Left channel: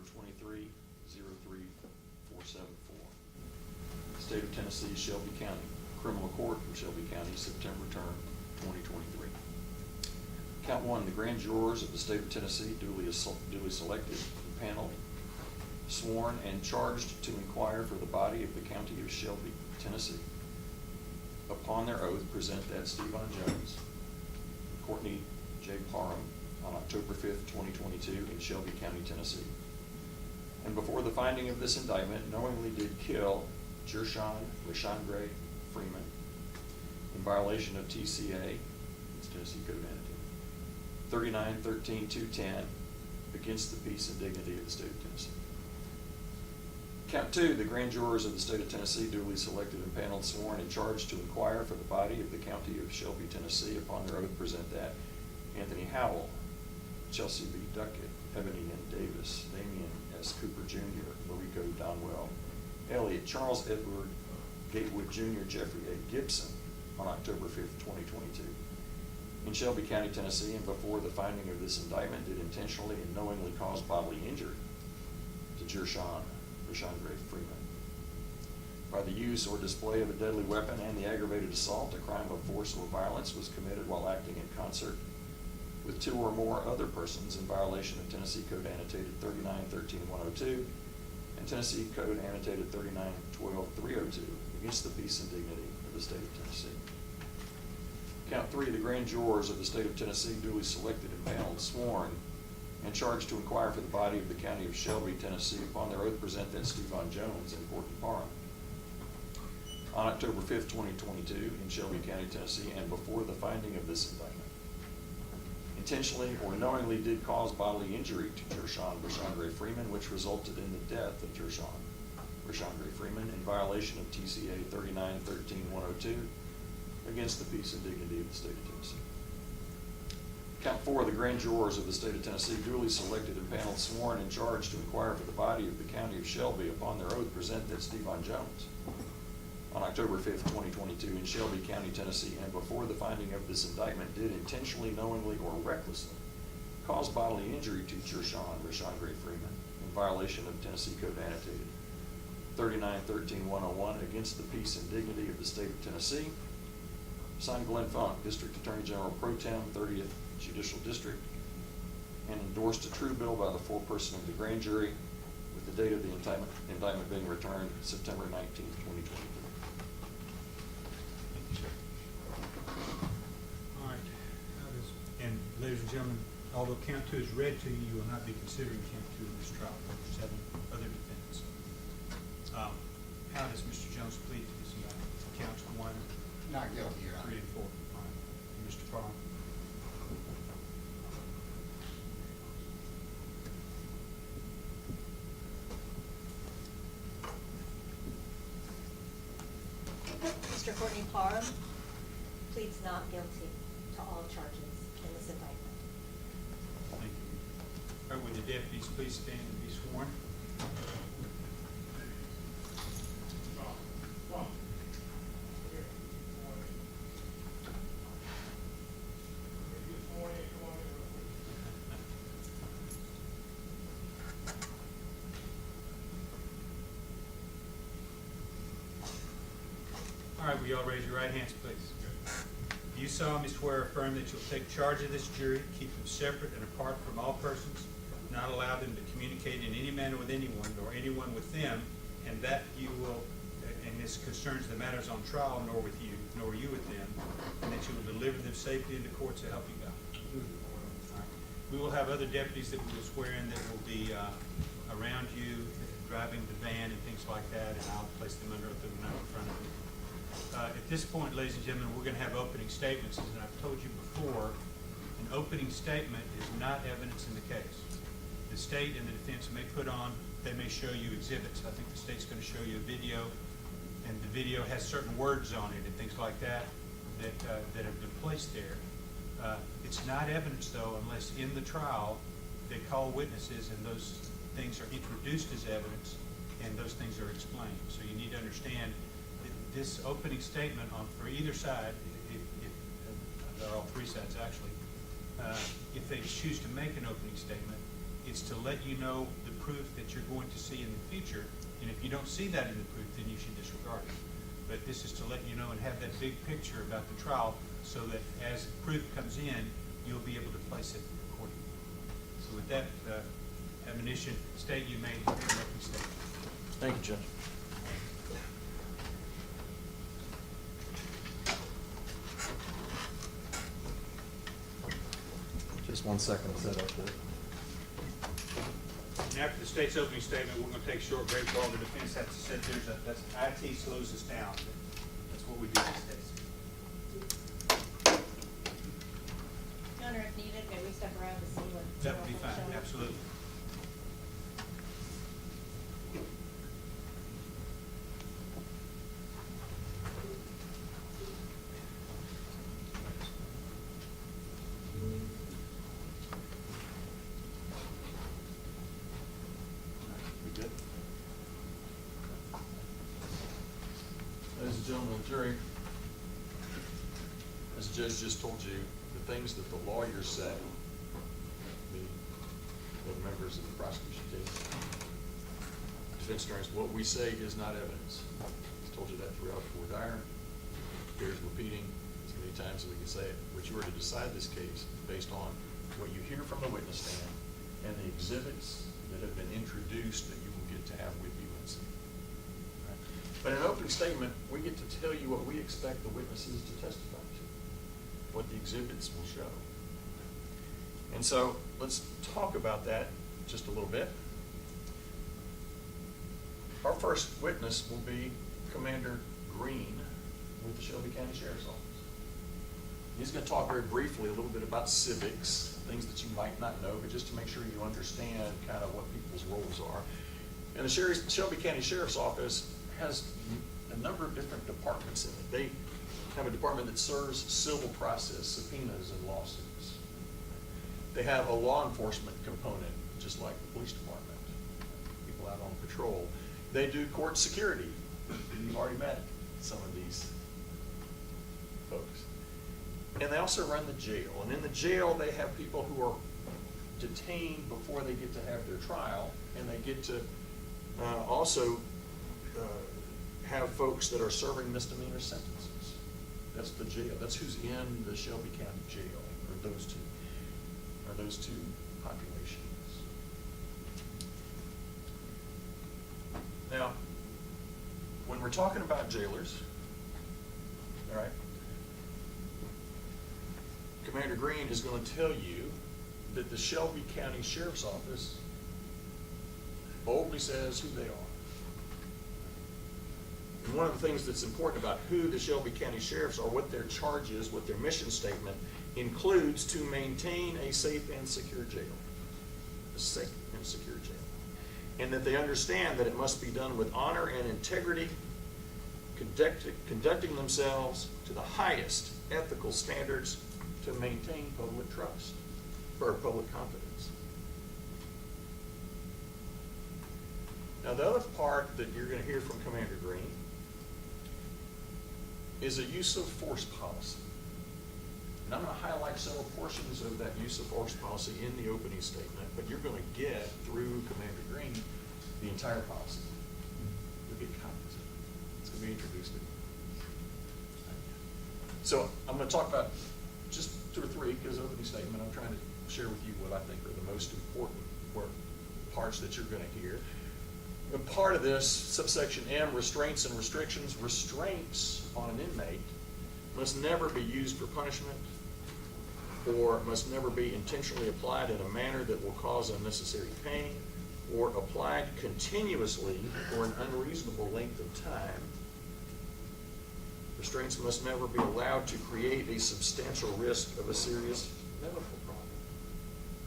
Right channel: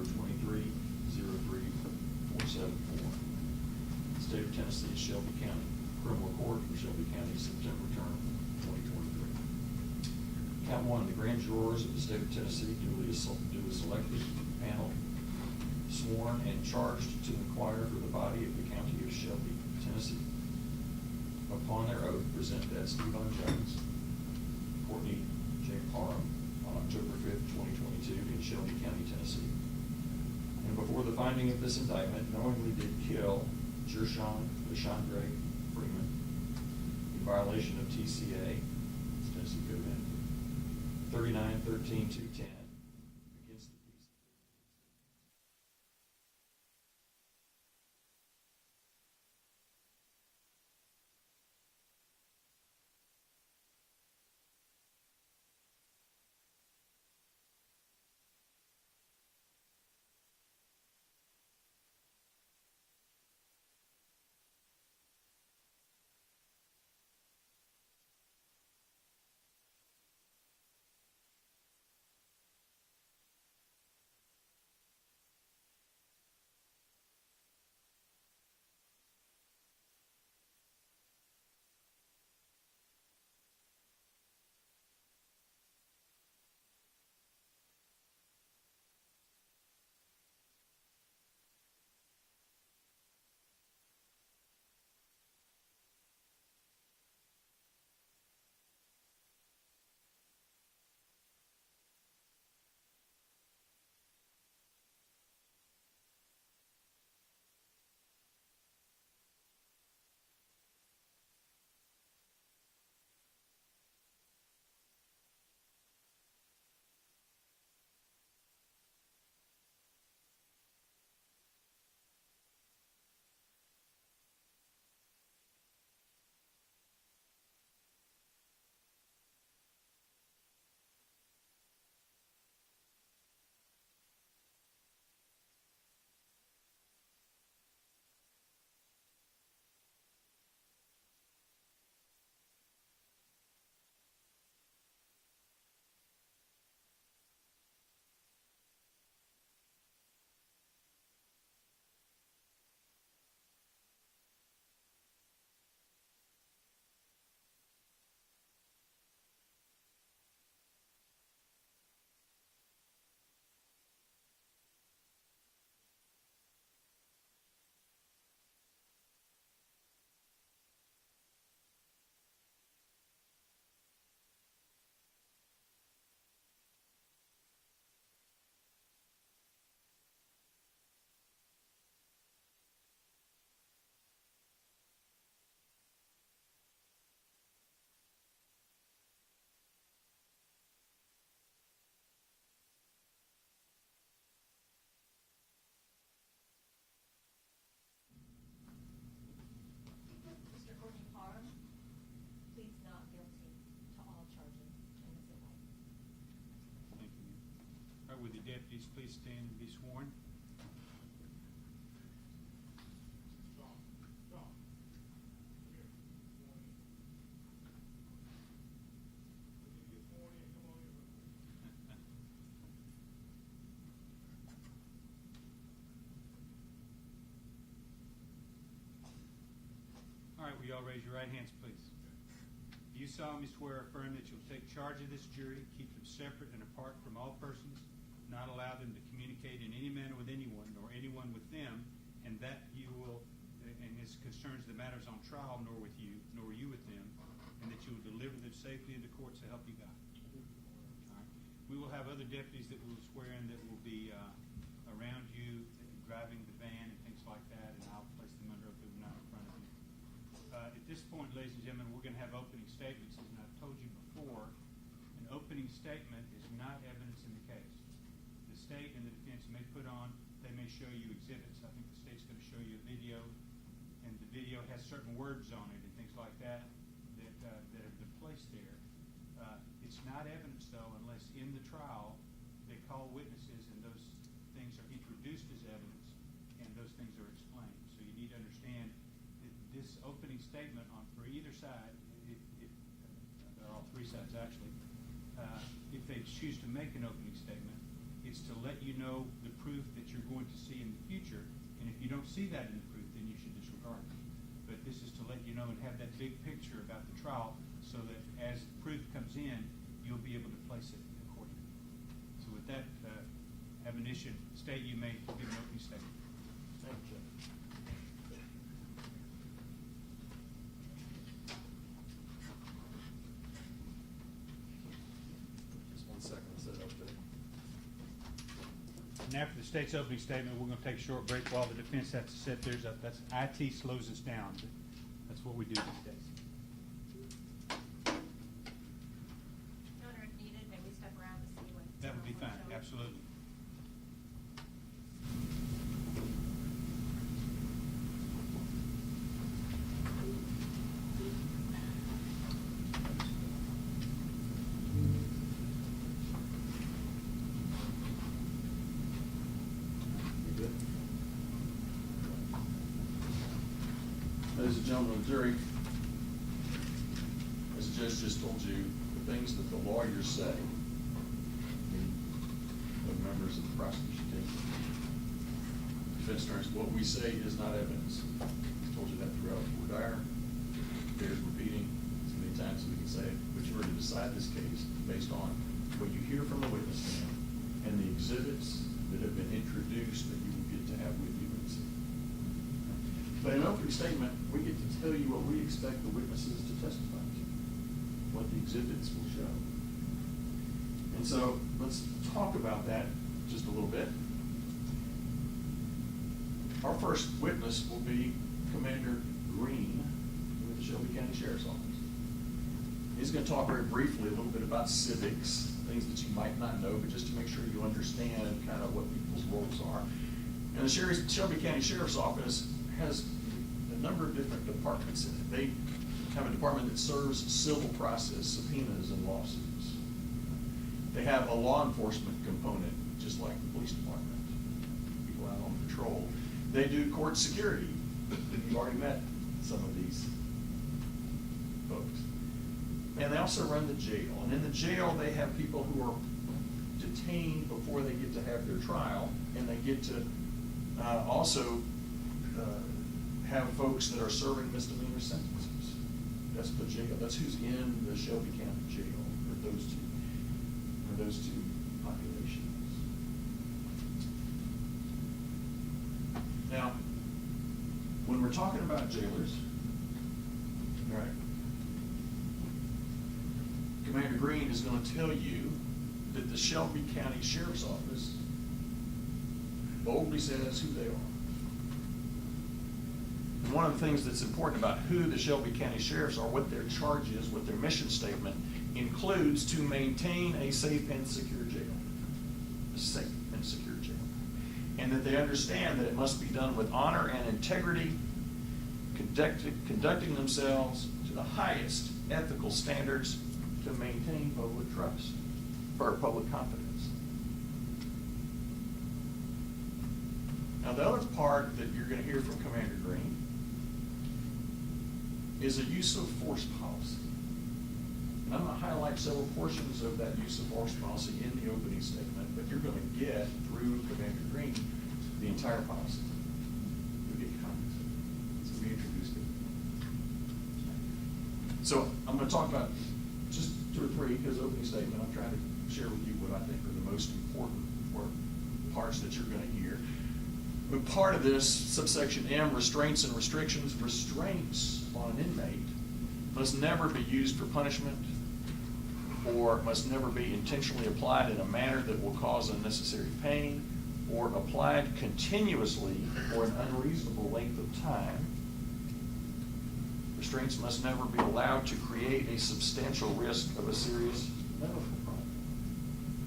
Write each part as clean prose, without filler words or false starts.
number 23-03474. State of Tennessee, Shelby County, Criminal Court for Shelby County, September term 2023. Count 1, the grand jurors of the state of Tennessee duly selected, panel, sworn, and charged to inquire for the body of the county of Shelby, Tennessee. Upon their oath, present that Stevon Jones, Courtney J. Parham, on October 5th, 2022, in Shelby County, Tennessee. And before the finding of this indictment, knowingly did kill Gershun Freeman in violation of TCA, Tennessee Code Annotated, 39-13-210, against the peace and dignity of the state of Tennessee. Count 2, the grand jurors of the state of Tennessee duly selected and paneled, sworn, and charged to inquire for the body of the county of Shelby, Tennessee. Upon their oath, present that Anthony Howell, Chelsea B. Duckett, Ebony N. Davis, Damian S. Cooper Jr., Mariko Donwell, Elliot Charles Edward Gatewood Jr., Jeffrey A. Gibson, on October 5th, 2022. In Shelby County, Tennessee, and before the finding of this indictment, did intentionally and knowingly cause bodily injury to Gershun Freeman by the use or display of a deadly weapon and the aggravated assault. A crime of force or violence was committed while acting in concert with 2 or more other persons in violation of Tennessee Code Annotated 39-13-102 and Tennessee Code Annotated 39-12-302 against the peace and dignity of the state of Tennessee. Count 3, the grand jurors of the state of Tennessee duly selected and paneled, sworn, and charged to inquire for the body of the county of Shelby, Tennessee. Upon their oath, present that Stevon Jones and Courtney Parham. On October 5th, 2022, in Shelby County, Tennessee, and before the finding of this indictment, intentionally or knowingly did cause bodily injury to Gershun Freeman, which resulted in the death of Gershun Freeman in violation of TCA 39-13-102 against the peace and dignity of the state of Tennessee. Count 4, the grand jurors of the state of Tennessee duly selected and paneled, sworn, and charged to inquire for the body of the county of Shelby. Upon their oath, present that Stevon Jones. On October 5th, 2022, in Shelby County, Tennessee, and before the finding of this indictment, did intentionally, knowingly, or recklessly cause bodily injury to Gershun Freeman in violation of Tennessee Code Annotated 39-13-101 against the peace and dignity of the state of Tennessee. Signed, Glenn Funk, District Attorney General Pro Tem, 30th Judicial District, and endorsed a true bill by the foreperson of the grand jury with the date of the indictment being returned September 19th, 2023. All right. And ladies and gentlemen, although count 2 is read to you, you will not be considering count 2 in this trial. There's 7 other defendants. How does Mr. Jones plead to this indictment? Counts 1, Not guilty, Your Honor. 3, and 4. All right. And Mr. Parham? Mr. Courtney Parham pleads not guilty to all charges in this indictment. Thank you. All right, would the deputies please stand and be sworn? All right, will you all raise your right hands, please? You solemnly swear or affirm that you'll take charge of this jury, keep them separate and apart from all persons, not allow them to communicate in any manner with anyone or anyone with them, and that you will, and this concerns the matters on trial, nor with you, nor you with them, and that you will deliver them safely into court, so help you God. All right. We will have other deputies that we will swear in that will be around you, driving the van and things like that, and I'll place them under oath in front of you. At this point, ladies and gentlemen, we're going to have opening statements. As I've told you before, an opening statement is not evidence in the case. The state and the defense may put on, they may show you exhibits. I think the state's going to show you a video, and the video has certain words on it and things like that that have been placed there. It's not evidence, though, unless in the trial they call witnesses and those things are introduced as evidence and those things are explained. So you need to understand that this opening statement for either side, if they're all 3 sides actually, if they choose to make an opening statement, It's to let you know the proof that you're going to see in the future, and if you don't see that in the proof, then you should disregard it. But this is to let you know and have that big picture about the trial, so that as proof comes in, you'll be able to place it accordingly. So with that, admonition, State, you may make your statement. Thank you, Judge. Just 1 second to set up the. And after the State's opening statement, we're going to take a short break while the defense has to set theirs up. That's IT slows us down. That's what we do these days. Your Honor, if needed, may we step around to see what? That would be fine, absolutely. You good? Ladies and gentlemen of the jury, as the judge just told you, the things that the lawyers say, the members of the prosecution team, defense attorneys, what we say is not evidence. I've told you that throughout the voir dire. Bears repeating as many times as we can say it. But you were to decide this case based on what you hear from the witness stand and the exhibits that have been introduced that you will get to have with you and see. But in an opening statement, we get to tell you what we expect the witnesses to testify to, what the exhibits will show. And so let's talk about that just a little bit. Our first witness will be Commander Green with the Shelby County Sheriff's Office. He's going to talk very briefly a little bit about civics, things that you might not know, but just to make sure you understand kind of what people's roles are. And the Shelby County Sheriff's Office has a number of different departments in it. They have a department that serves civil process, subpoenas, and lawsuits. They have a law enforcement component, just like the police department, people out on patrol. They do court security. You've already met some of these folks. And they also run the jail. And in the jail, they have people who are detained before they get to have their trial, and they get to also have folks that are serving misdemeanor sentences. That's the jail. That's who's in the Shelby County Jail, or those two populations. Now, when we're talking about jailers, all right, Commander Green is going to tell you that the Shelby County Sheriff's Office boldly says who they are. And one of the things that's important about who the Shelby County Sheriffs are, what their charge is, what their mission statement includes, to maintain a safe and secure jail. A safe and secure jail. And that they understand that it must be done with honor and integrity, conducting themselves to the highest ethical standards to maintain public trust or public confidence. Now, the other part that you're going to hear from Commander Green is a use of force policy. And I'm going to highlight several portions of that use of force policy in the opening statement, but you're going to get through Commander Green the entire policy. You'll get copies of it. It's going to be introduced to you. So I'm going to talk about just 2 or 3, because opening statement, I'm trying to share with you what I think are the most important parts that you're going to hear. But part of this, subsection M, restraints and restrictions, restraints on an inmate must never be used for punishment, or must never be intentionally applied in a manner that will cause unnecessary pain, or applied continuously for an unreasonable length of time. Restraints must never be allowed to create a substantial risk of a serious medical problem.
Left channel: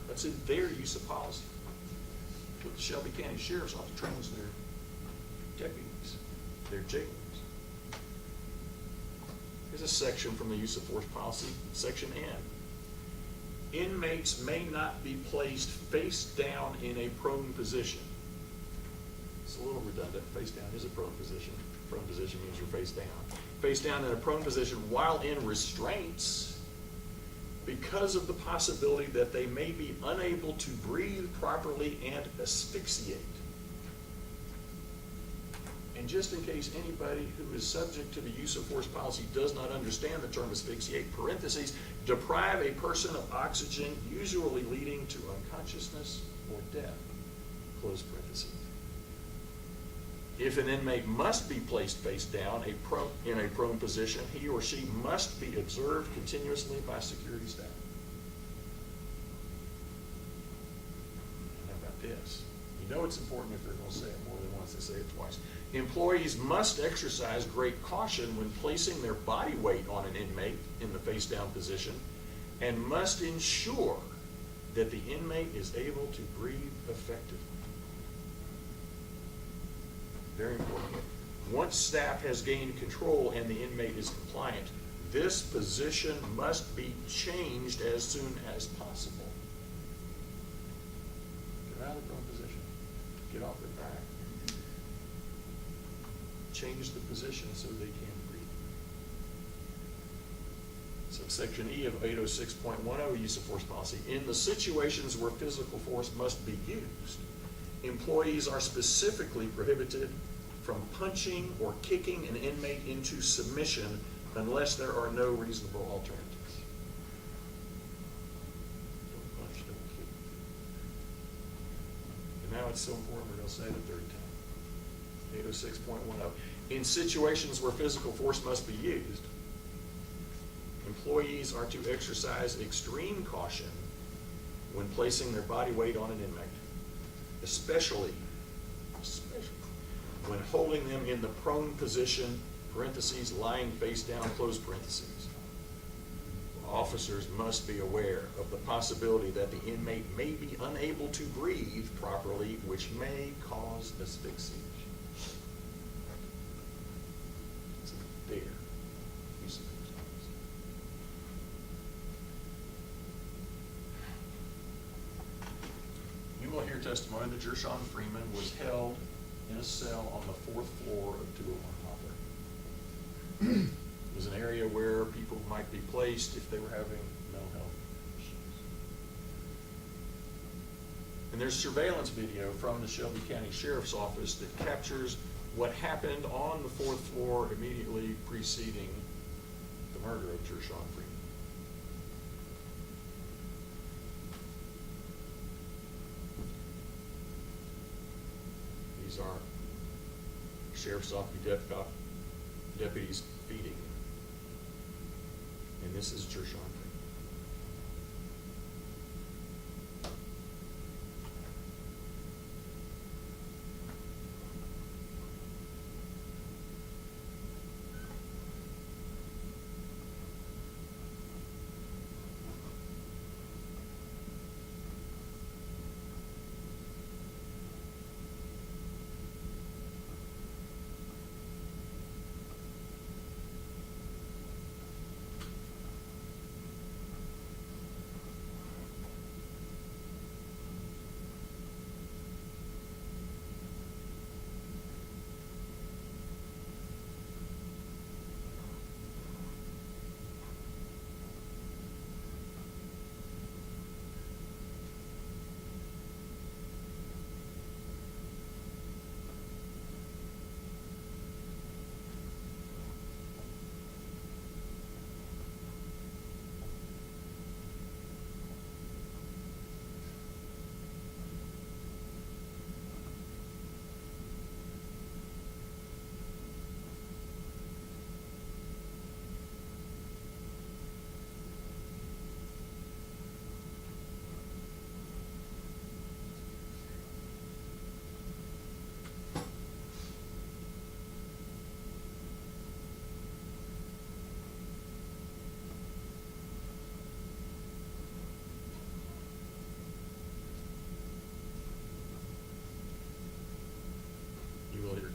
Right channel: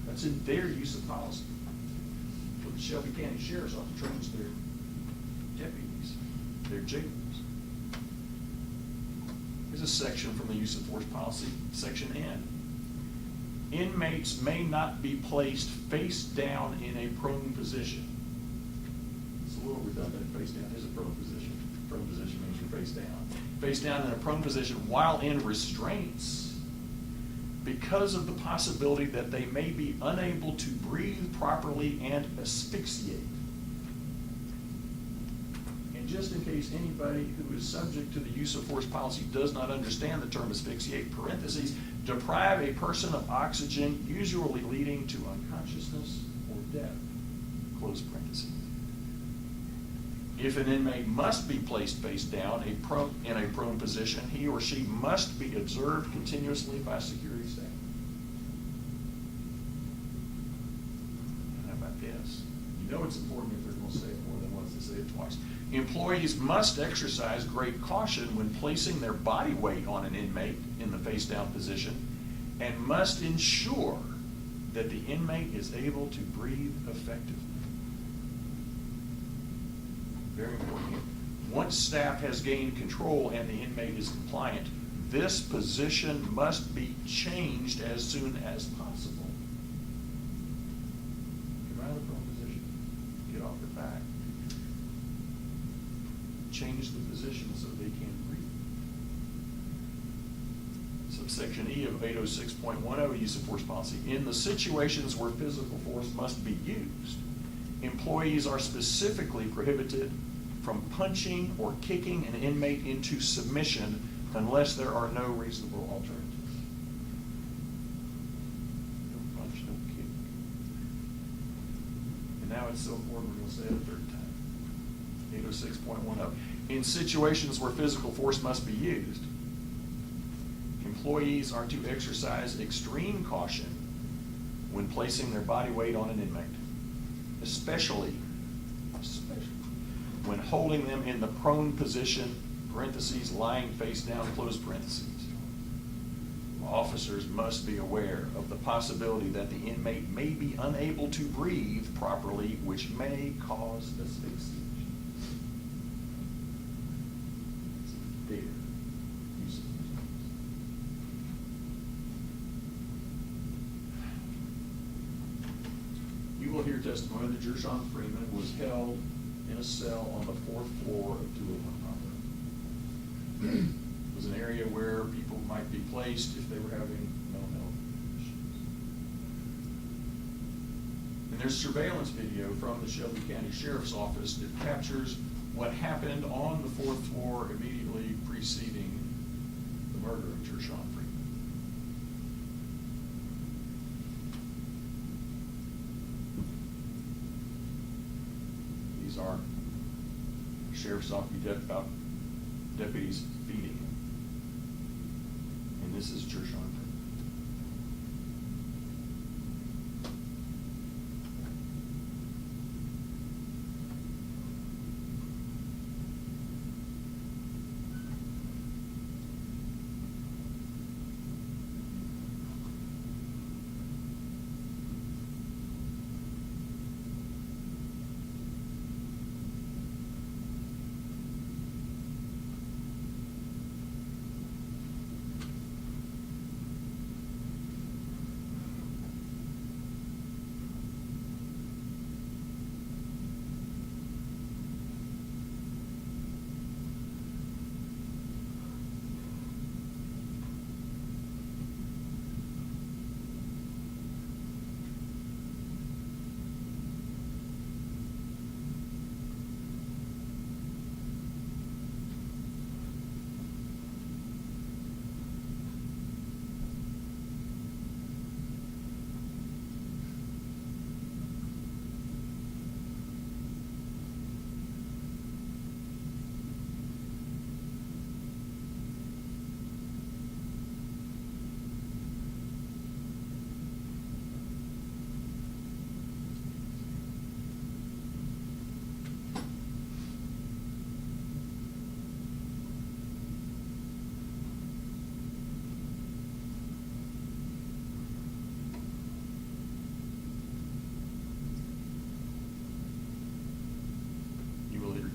That's in their use of policy. The Shelby County Sheriff's Office trains their deputies, their jailers. Here's a section from the use of force policy, section N. Inmates may not be placed face down in a prone position. It's a little redundant. Face down is a prone position. Prone position means you're face down. Face down in a prone position while in restraints because of the possibility that they may be unable to breathe properly and asphyxiate. And just in case anybody who is subject to the use of force policy does not understand the term asphyxiate, parentheses, deprive a person of oxygen, usually leading to unconsciousness or death, close parentheses. If an inmate must be placed face down in a prone position, he or she must be observed continuously by security staff. How about this? You know it's important if they're going to say it more than once, they say it twice. Employees must exercise great caution when placing their body weight on an inmate in the face down position and must ensure that the inmate is able to breathe effectively. Very important. Once staff has gained control and the inmate is compliant, this position must be changed as soon as possible. Get out of the prone position. Get off their back. Change the position so they can breathe. Subsection E of 806.10, use of force policy. In the situations where physical force must be used, employees are specifically prohibited from punching or kicking an inmate into submission unless there are no reasonable alternatives. Don't punch, don't kick. And now it's so important we're going to say it a third time. 806.10. In situations where physical force must be used, employees are to exercise extreme caution when placing their body weight on an inmate, especially when holding them in the prone position, parentheses, lying face down, close parentheses. Officers must be aware of the possibility that the inmate may be unable to breathe properly, which may cause asphyxiation. It's there. Use of force. You will hear testimony that Gershun Freeman was held in a cell on the 4th floor of 201 Poplar. It was an area where people might be placed if they were having mental health issues. And there's surveillance video from the Shelby County Sheriff's Office that captures what happened on the 4th floor immediately preceding the murder of Gershun Freeman. These are Sheriff's Office deputies feeding him. And this is Gershun.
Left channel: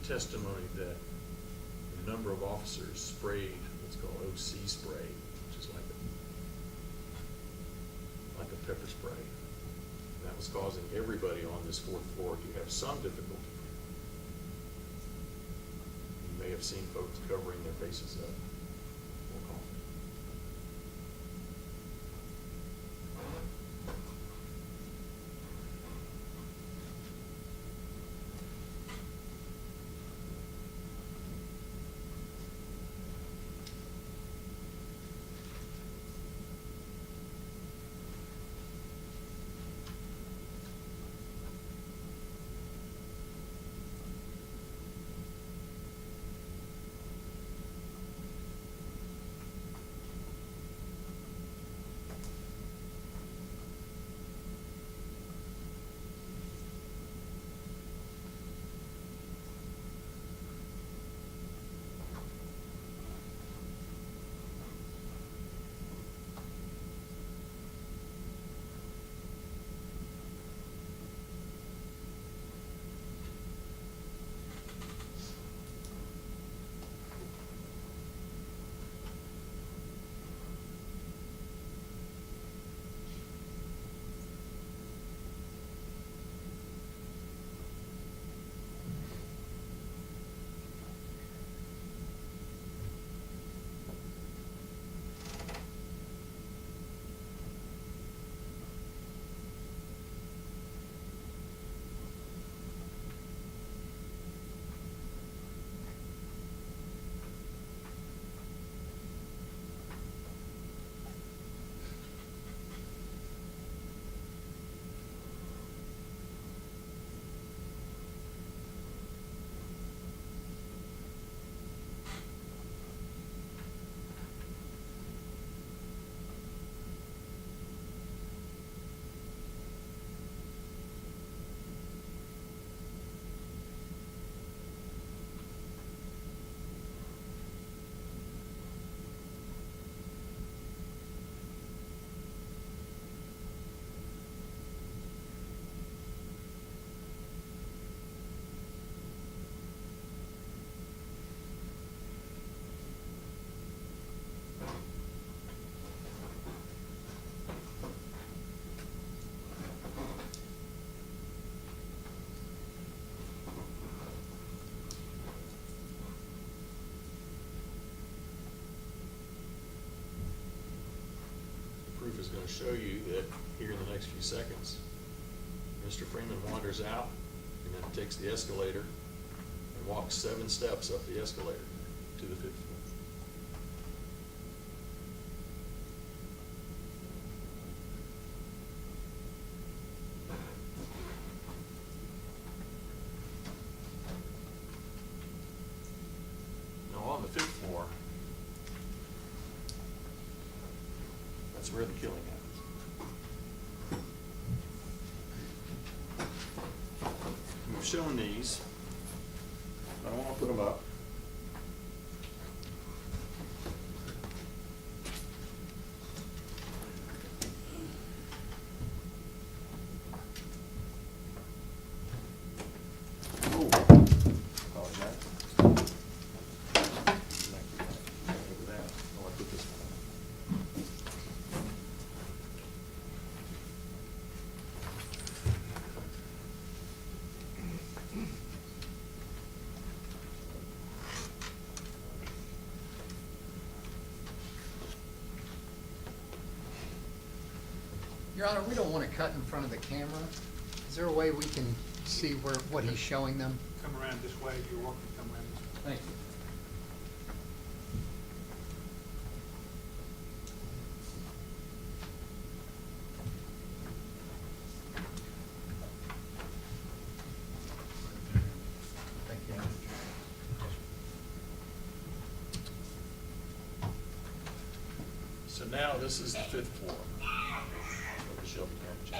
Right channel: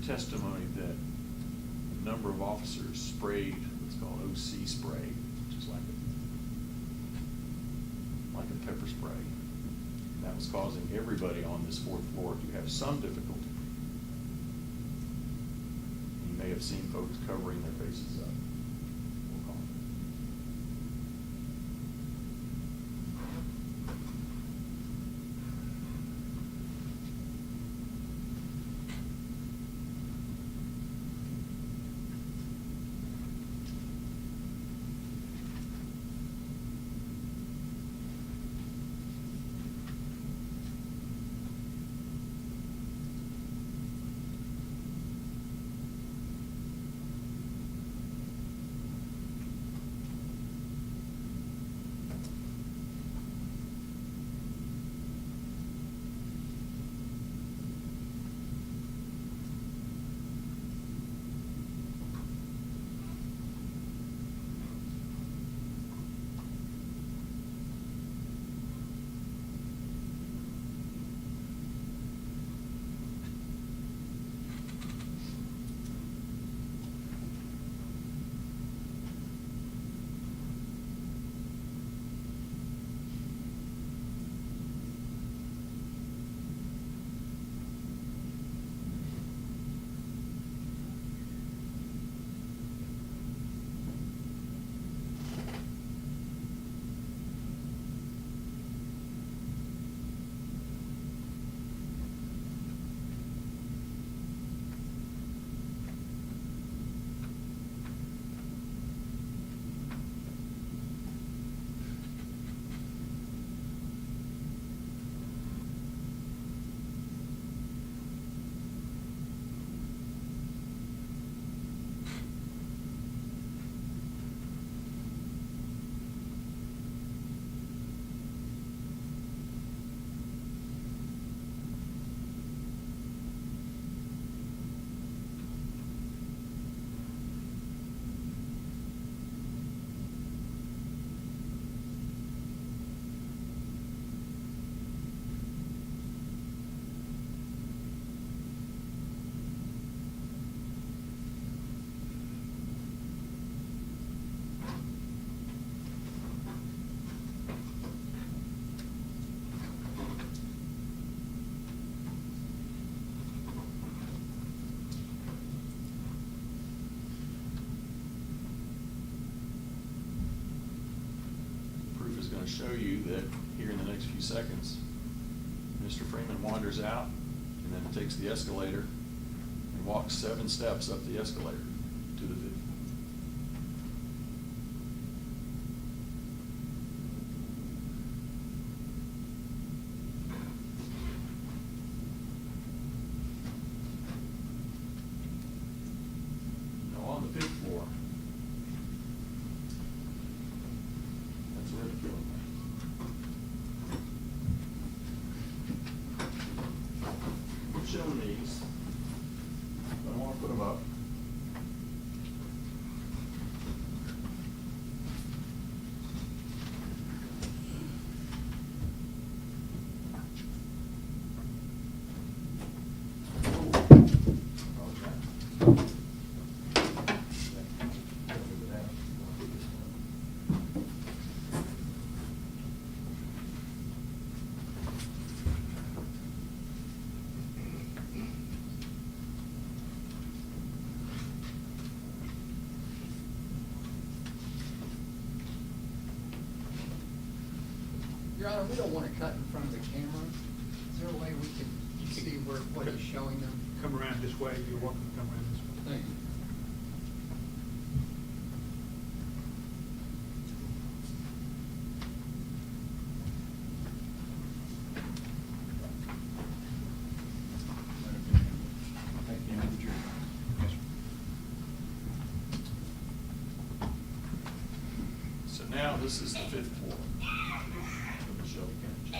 Testimony that a number of officers sprayed what's called OC spray, which is like a pepper spray. And that was causing everybody on this 4th floor to have some difficulty. You may have seen folks covering their faces up. We'll call gonna show you that here in the next few seconds, Mr. Freeman wanders out and then takes the escalator and walks 7 steps up the escalator to the 5th floor. Now on the 5th floor, that's where the killing happens. We've shown these. I don't want to put them up. Your Honor, we don't want to cut in front of the camera. Is there a way we can see what he's showing them? Come around this way, if you're walking, come around this way. Thank you. Thank you. So now this is the 5th floor of the Shelby County Jail.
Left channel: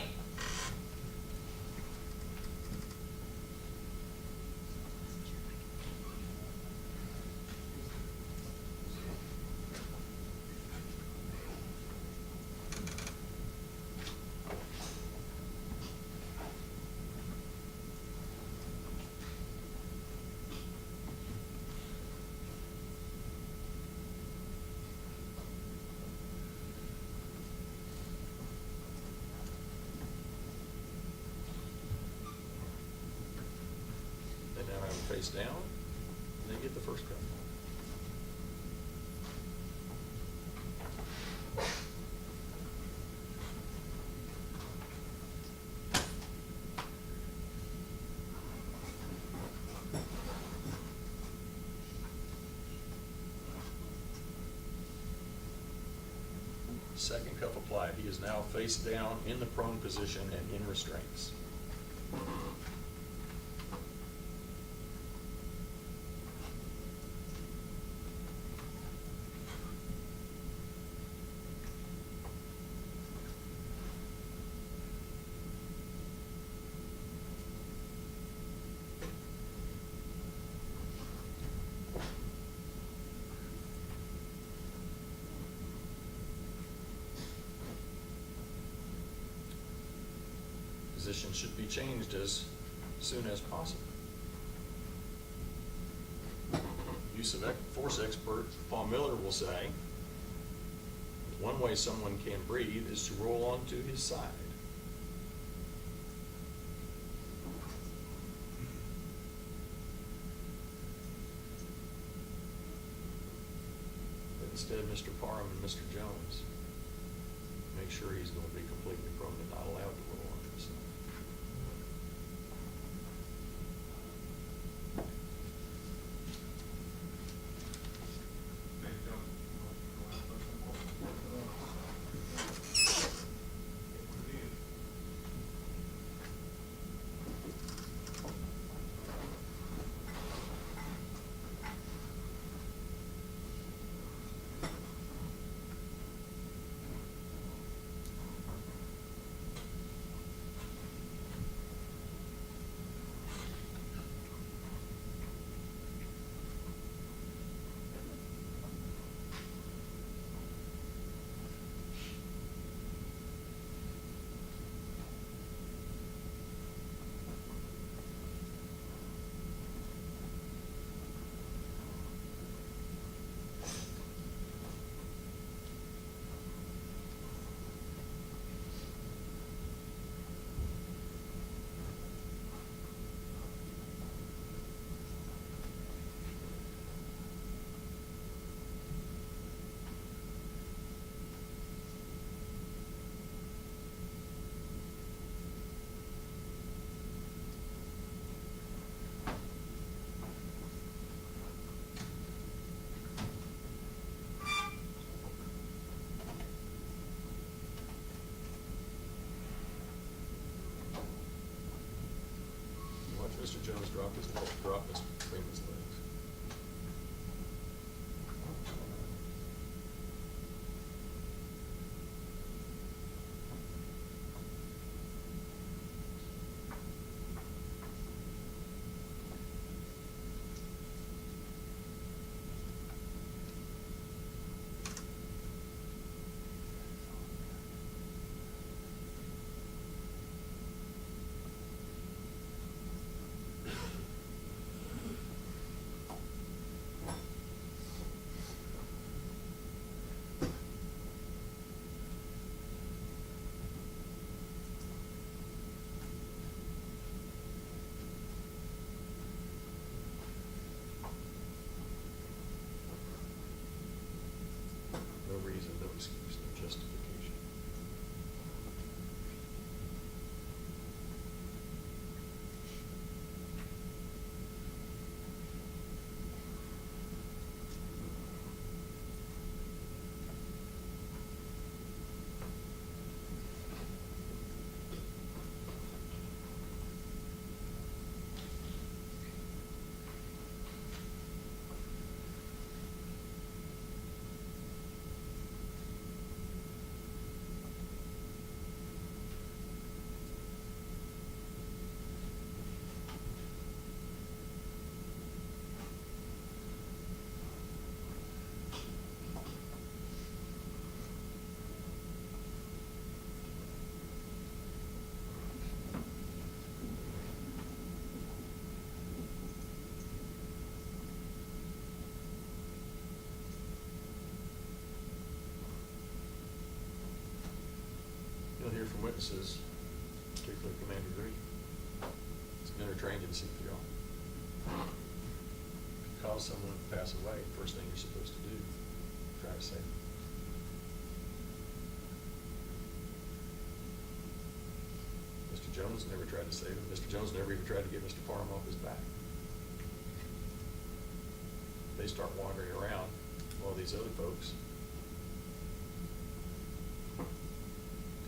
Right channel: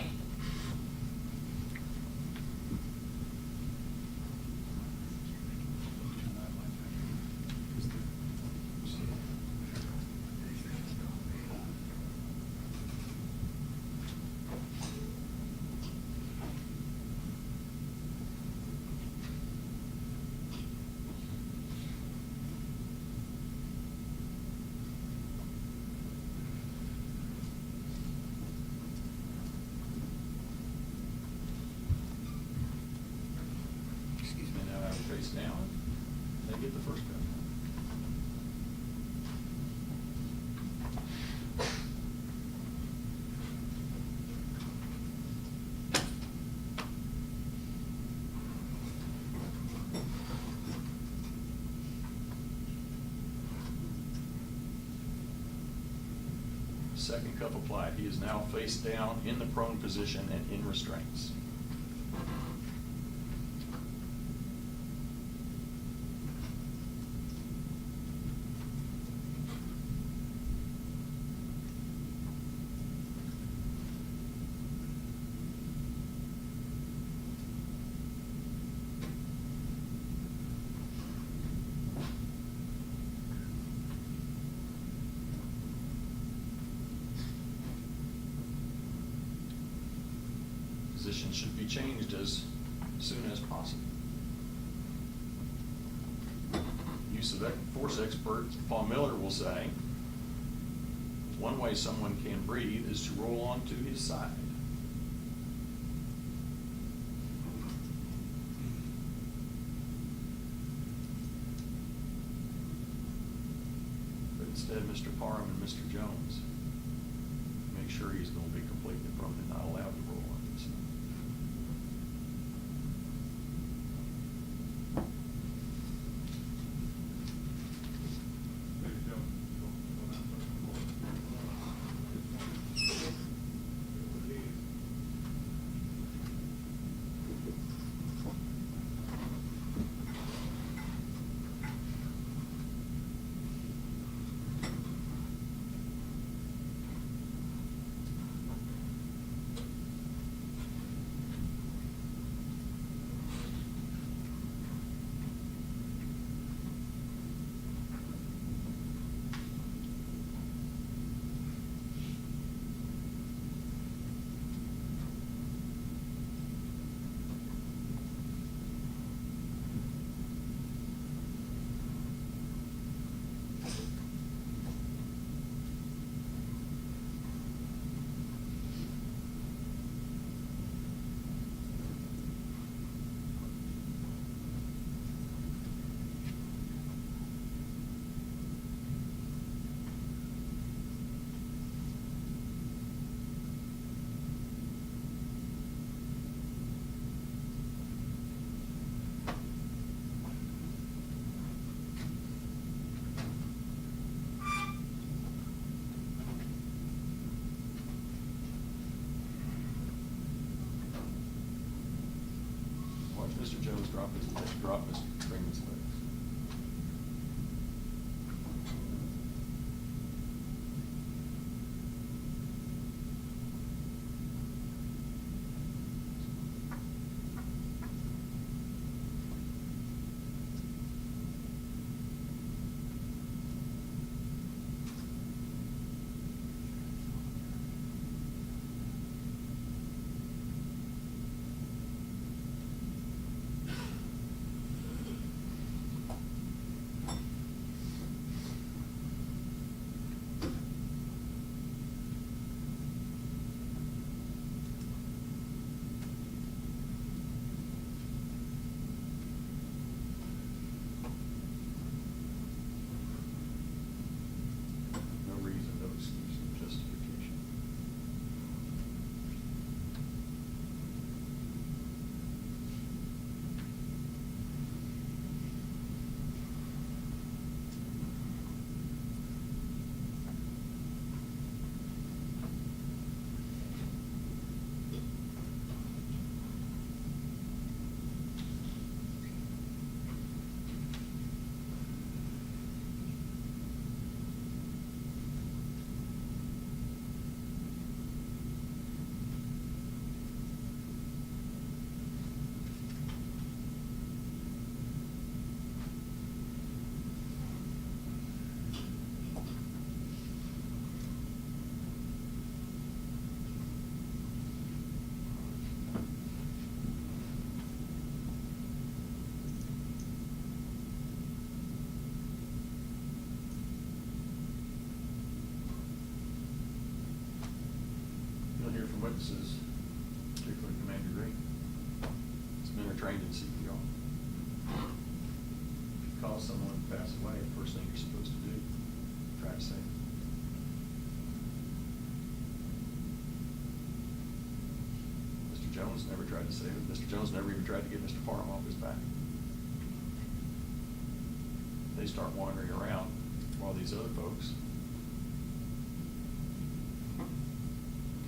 They now have it face down, and they get the first round. Second cuff applied. He is now face down in the prone position and in restraints. Position should be changed as soon as possible. Use of force expert Paul Miller will say, one way someone can breathe is to roll onto his side. But instead, Mr. Parham and Mr. Jones make sure he's going to be completely prone and not allowed to roll onto his side. drop his leg, drop Mr. Freeman's legs. No reason, no excuse, no justification. You'll hear from witnesses, particularly Commander Green. He's been trained in CPR. If you cause someone to pass away, the first thing you're supposed to do, try to save them. Mr. Jones never tried to save him. Mr. Jones never even tried to get Mr. Parham off his back. They start wandering around while these other folks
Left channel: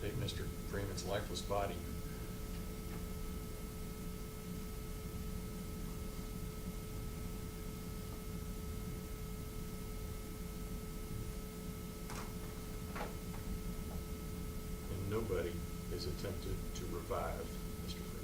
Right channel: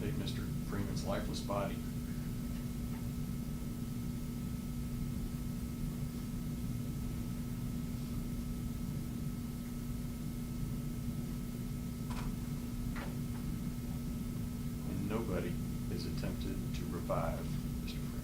take Mr. Freeman's lifeless body. And nobody is attempted to revive Mr. Freeman.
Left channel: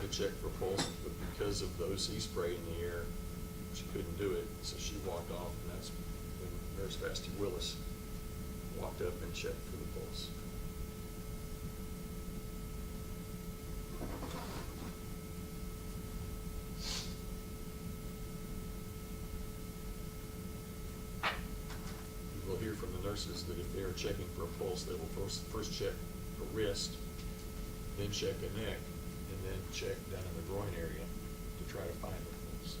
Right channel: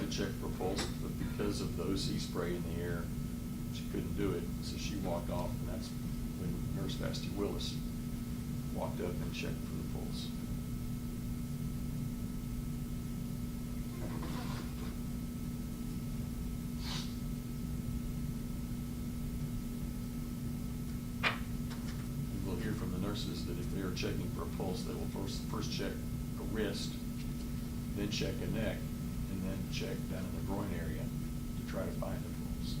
tried to check for pulse, but because of the OC spray in the air, she couldn't do it, so she walked off, and that's when Nurse Vasty Willis walked up and checked for the pulse. You will hear from the nurses that if they're checking for a pulse, they will first check a wrist, then check a neck, and then check down in the groin area to try to find the pulse.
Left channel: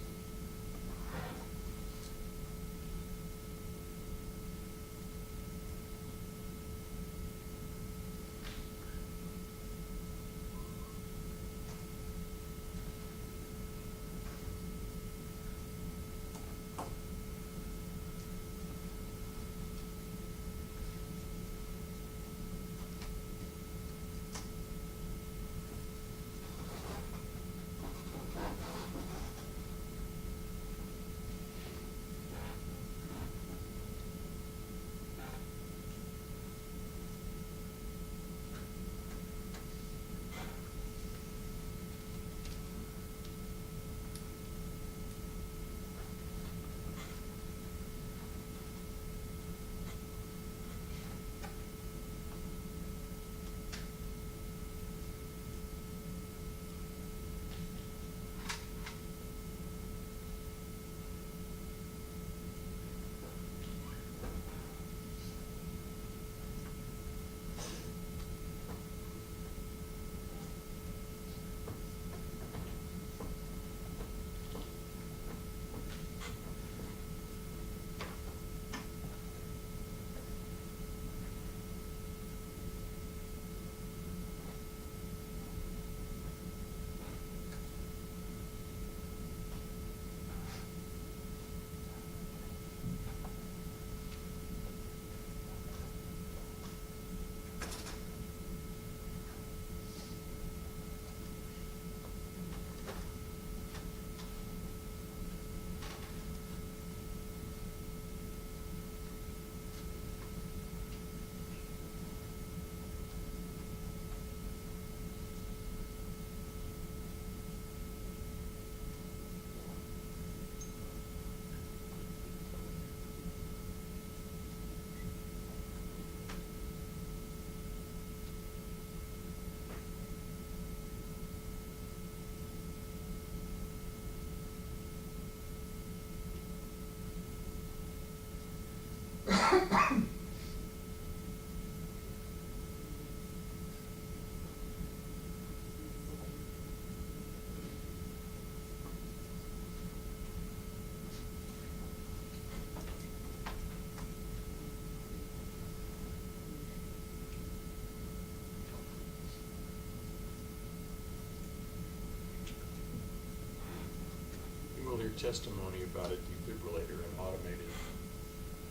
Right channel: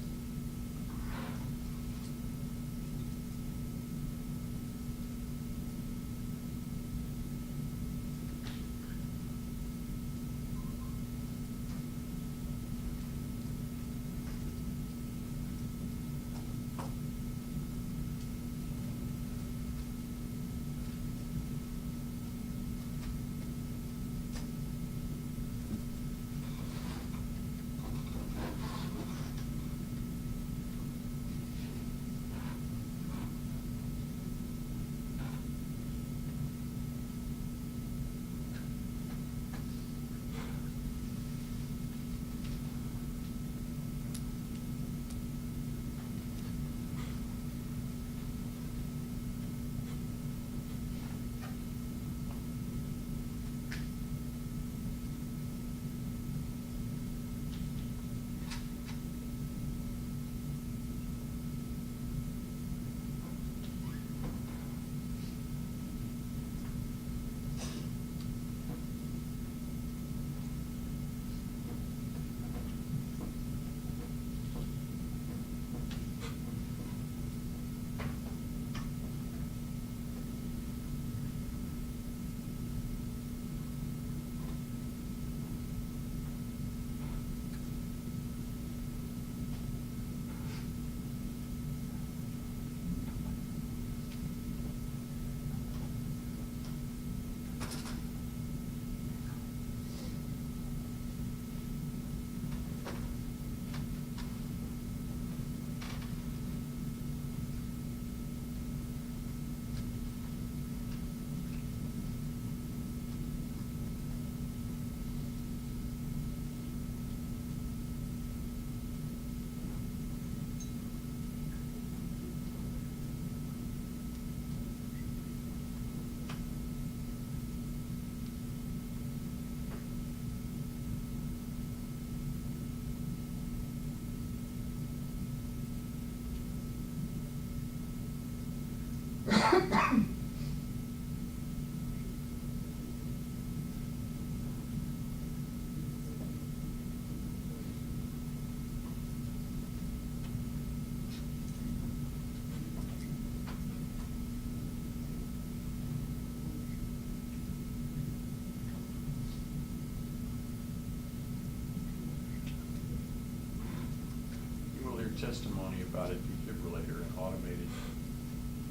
Testimony about a defibrillator, an automated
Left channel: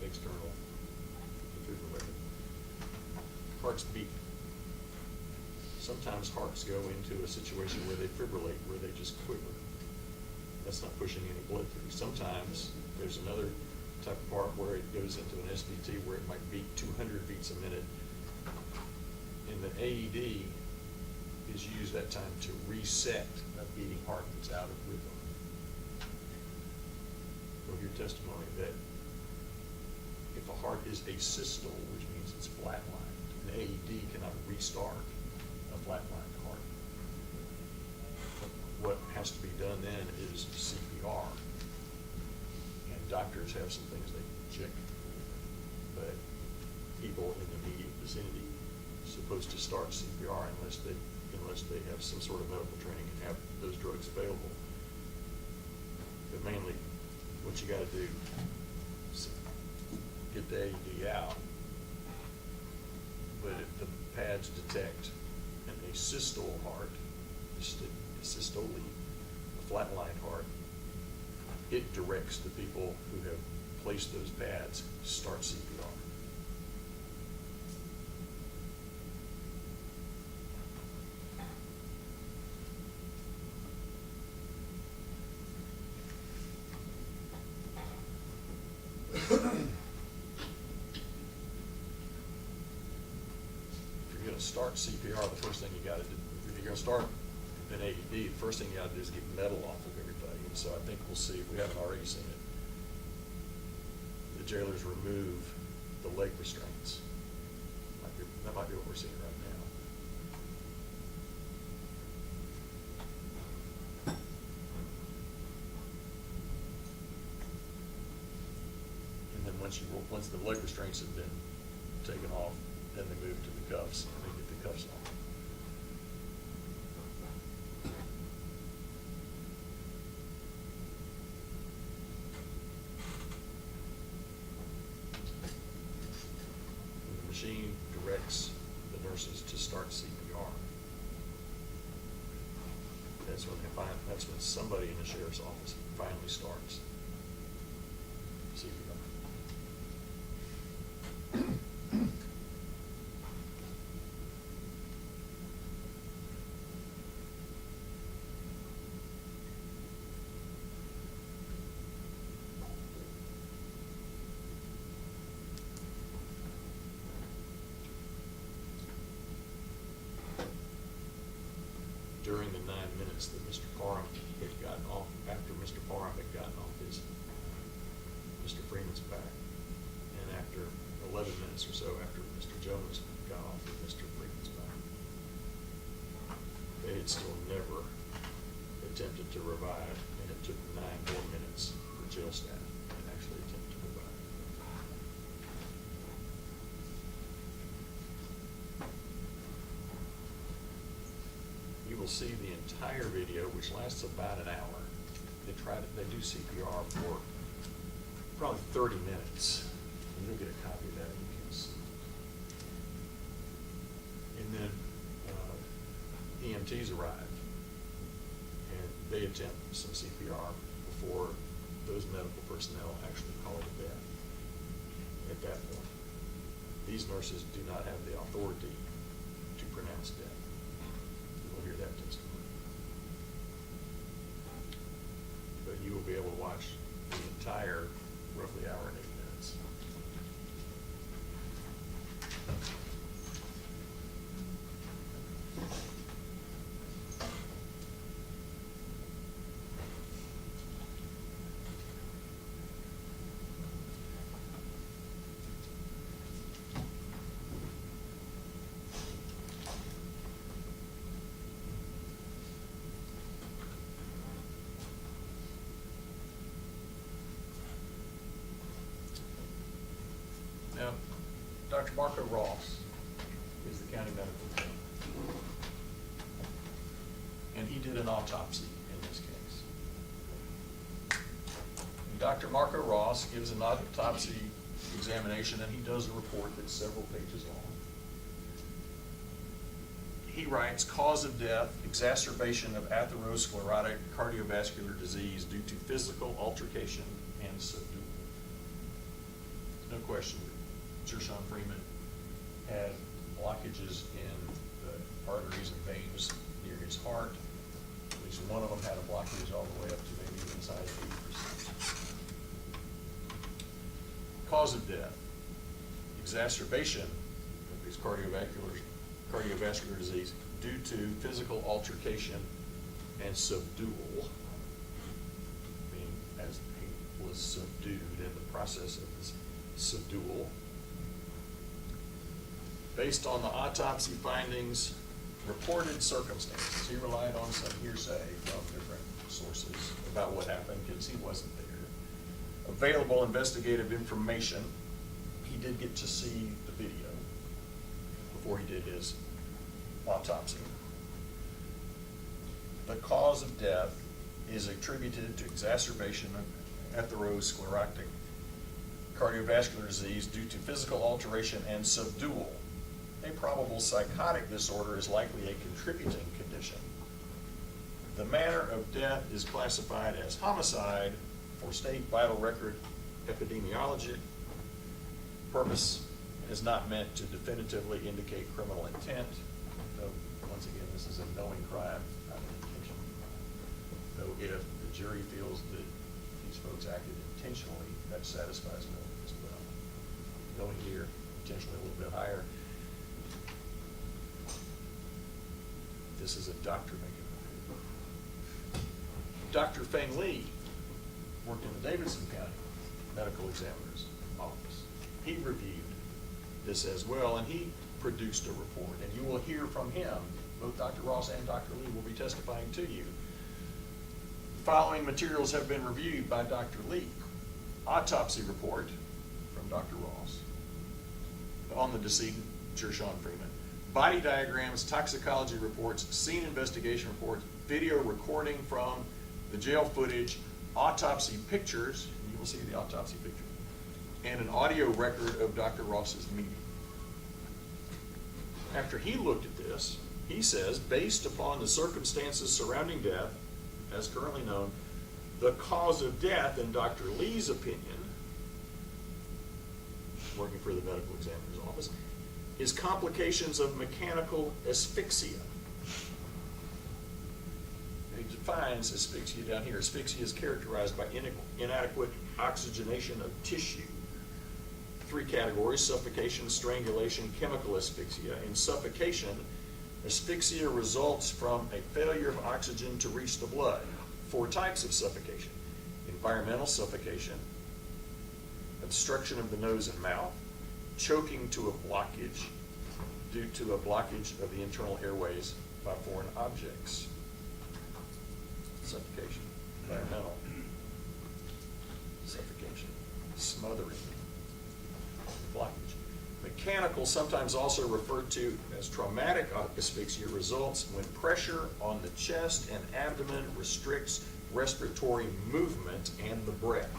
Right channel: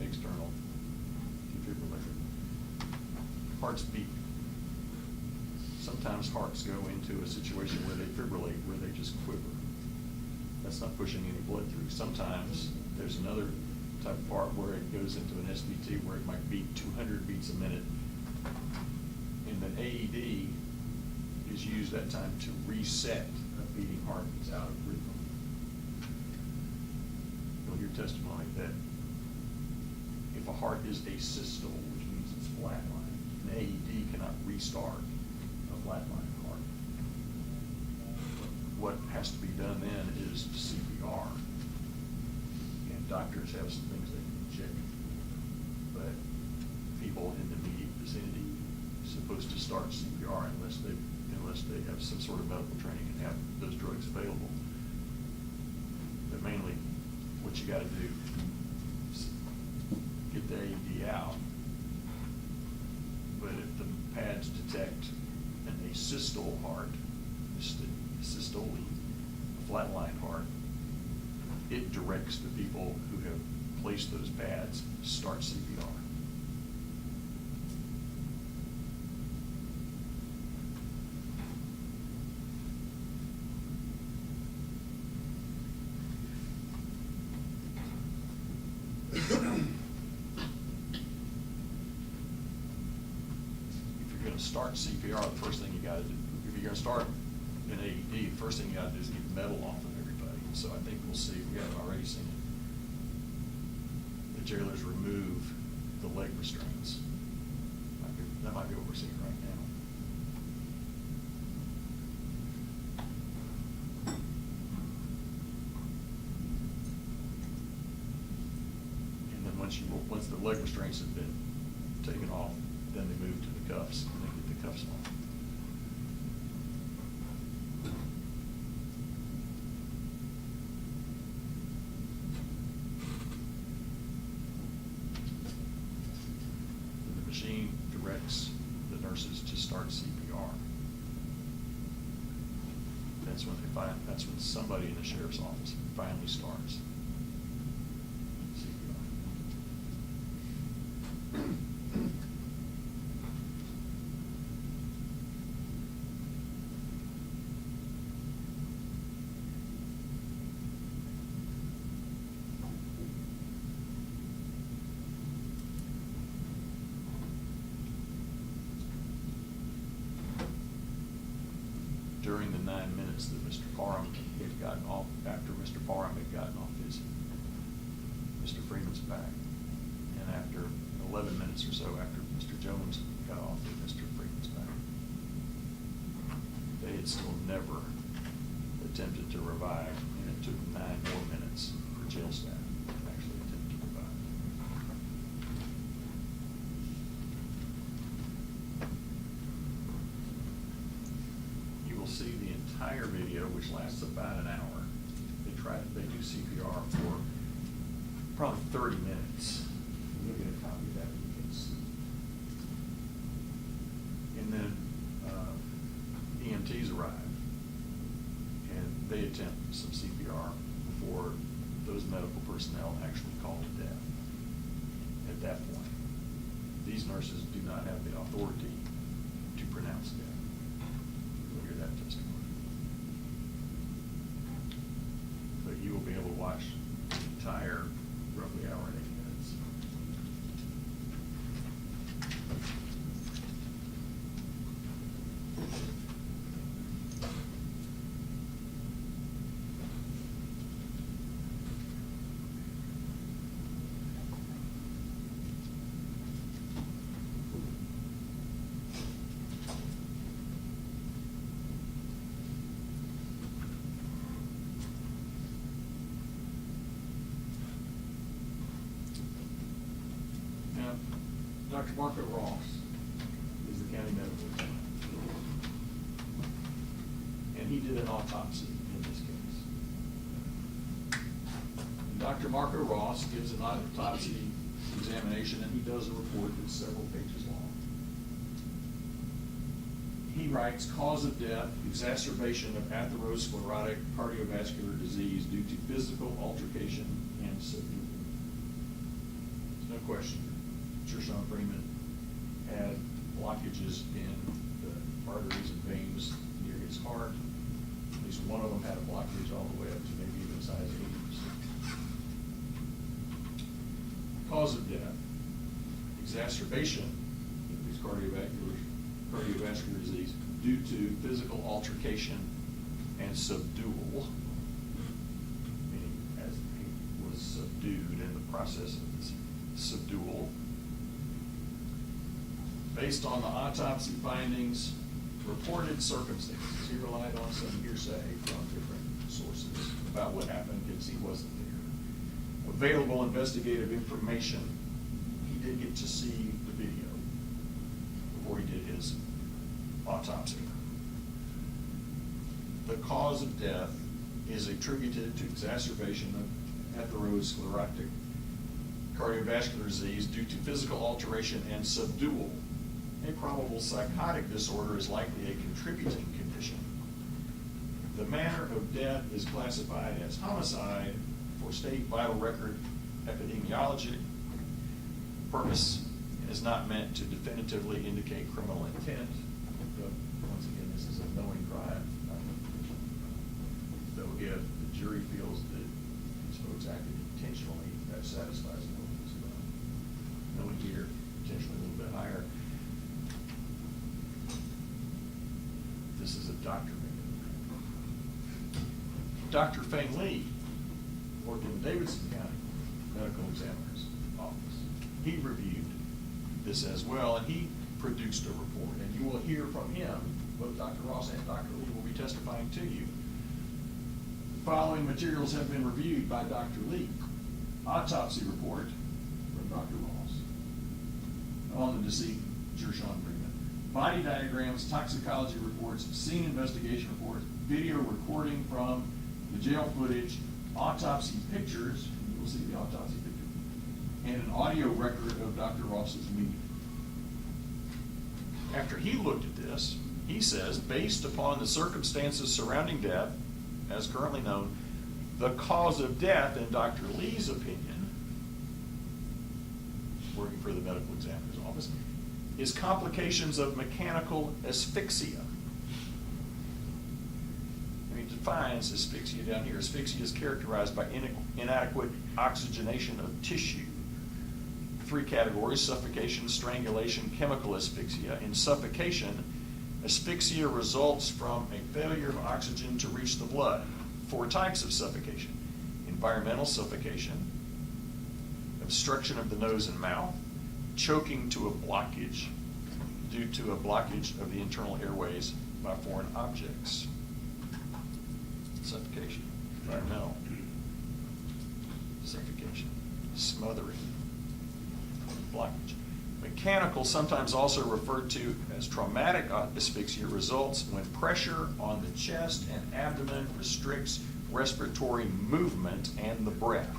external defibrillator. Hearts beat. Sometimes hearts go into a situation where they fibrillate, where they just quiver. That's not pushing any blood through. Sometimes there's another type of heart where it goes into an SVT where it might beat 200 beats a minute. And the AED is used that time to reset a beating heart that's out of rhythm. Your testimony that if a heart is asystole, which means it's flatlined, an AED cannot restart a flatlined heart. What has to be done then is CPR, and doctors have some things they can check, but people in the immediate vicinity are supposed to start CPR unless they have some sort of medical training and have those drugs available. But mainly, what you gotta do is get the AED out. But if the pads detect an asystole heart, asystole, a flatline heart, it directs the people who have placed those pads to start CPR. Start CPR, the first thing you gotta do, if you're gonna start an AED, the first thing you gotta do is get metal off of everybody. So I think we'll see, we haven't already seen it. The jailers remove the leg restraints. That might be what we're seeing right now. And then once the leg restraints have been taken off, then they move to the cuffs, and they get the cuffs off. The machine directs the nurses to start CPR. That's when somebody in the sheriff's office finally starts CPR. During the 9 minutes that Mr. Parham had gotten off, after Mr. Parham had gotten off Mr. Freeman's back, and after 11 minutes or so after Mr. Jones got off of Mr. Freeman's back, they had still never attempted to revive, and it took 9 more minutes for jail staff to actually attempt to revive. You will see the entire video, which lasts about an hour. They do CPR for probably 30 minutes. You'll get a copy of that if you can see. And then EMTs arrive, and they attempt some CPR before those medical personnel actually call to death. At that point, these nurses do not have the authority to pronounce death. You'll hear that testimony. But you will be able to watch the entire roughly hour and 8 minutes. Now, Dr. Marco Ross is the county medical examiner, and he did an autopsy in this case. And Dr. Marco Ross gives an autopsy examination, and he does a report that's several pages long. He writes, cause of death, exacerbation of atherosclerotic cardiovascular disease due to physical altercation and subdual. There's no question. Gershun Freeman had blockages in the arteries and veins near his heart. At least one of them had a blockage all the way up to maybe even as high as 80%. Cause of death, exacerbation of these cardiovascular disease due to physical altercation and subdual, meaning as he was subdued in the process of this subdual. Based on the autopsy findings, reported circumstances, he relied on some hearsay from different sources about what happened because he wasn't there. Available investigative information, he did get to see the video before he did his autopsy. The cause of death is attributed to exacerbation of atherosclerotic cardiovascular disease due to physical alteration and subdual. A probable psychotic disorder is likely a contributing condition. The manner of death is classified as homicide for state vital record epidemiology. Purpose is not meant to definitively indicate criminal intent. Though, once again, this is a knowing crime, not intention. Though if the jury feels that these folks acted intentionally, that satisfies knowing as well. Knowing here, potentially a little bit higher. This is a doctor making a Dr. Feng Lee worked in the Davidson County Medical Examiner's office. He reviewed this as well, and he produced a report. And you will hear from him, both Dr. Ross and Dr. Lee will be testifying to you. The following materials have been reviewed by Dr. Lee. Autopsy report from Dr. Ross on the deceased Gershun Freeman. Body diagrams, toxicology reports, scene investigation reports, video recording from the jail footage, autopsy pictures, you will see the autopsy picture, and an audio record of Dr. Ross's meeting. After he looked at this, he says, based upon the circumstances surrounding death, as currently known, the cause of death, in Dr. Lee's opinion, working for the medical examiner's office, is complications of mechanical asphyxia. He defines asphyxia down here. Asphyxia is characterized by inadequate oxygenation of tissue. 3 categories: suffocation, strangulation, chemical asphyxia. In suffocation, asphyxia results from a failure of oxygen to reach the blood. 4 types of suffocation: environmental suffocation, obstruction of the nose and mouth, choking to a blockage due to a blockage of the internal airways by foreign objects. Suffocation, environmental suffocation, smothering, blockage. Mechanical, sometimes also referred to as traumatic asphyxia, results when pressure on the chest and abdomen restricts respiratory movement and the breath.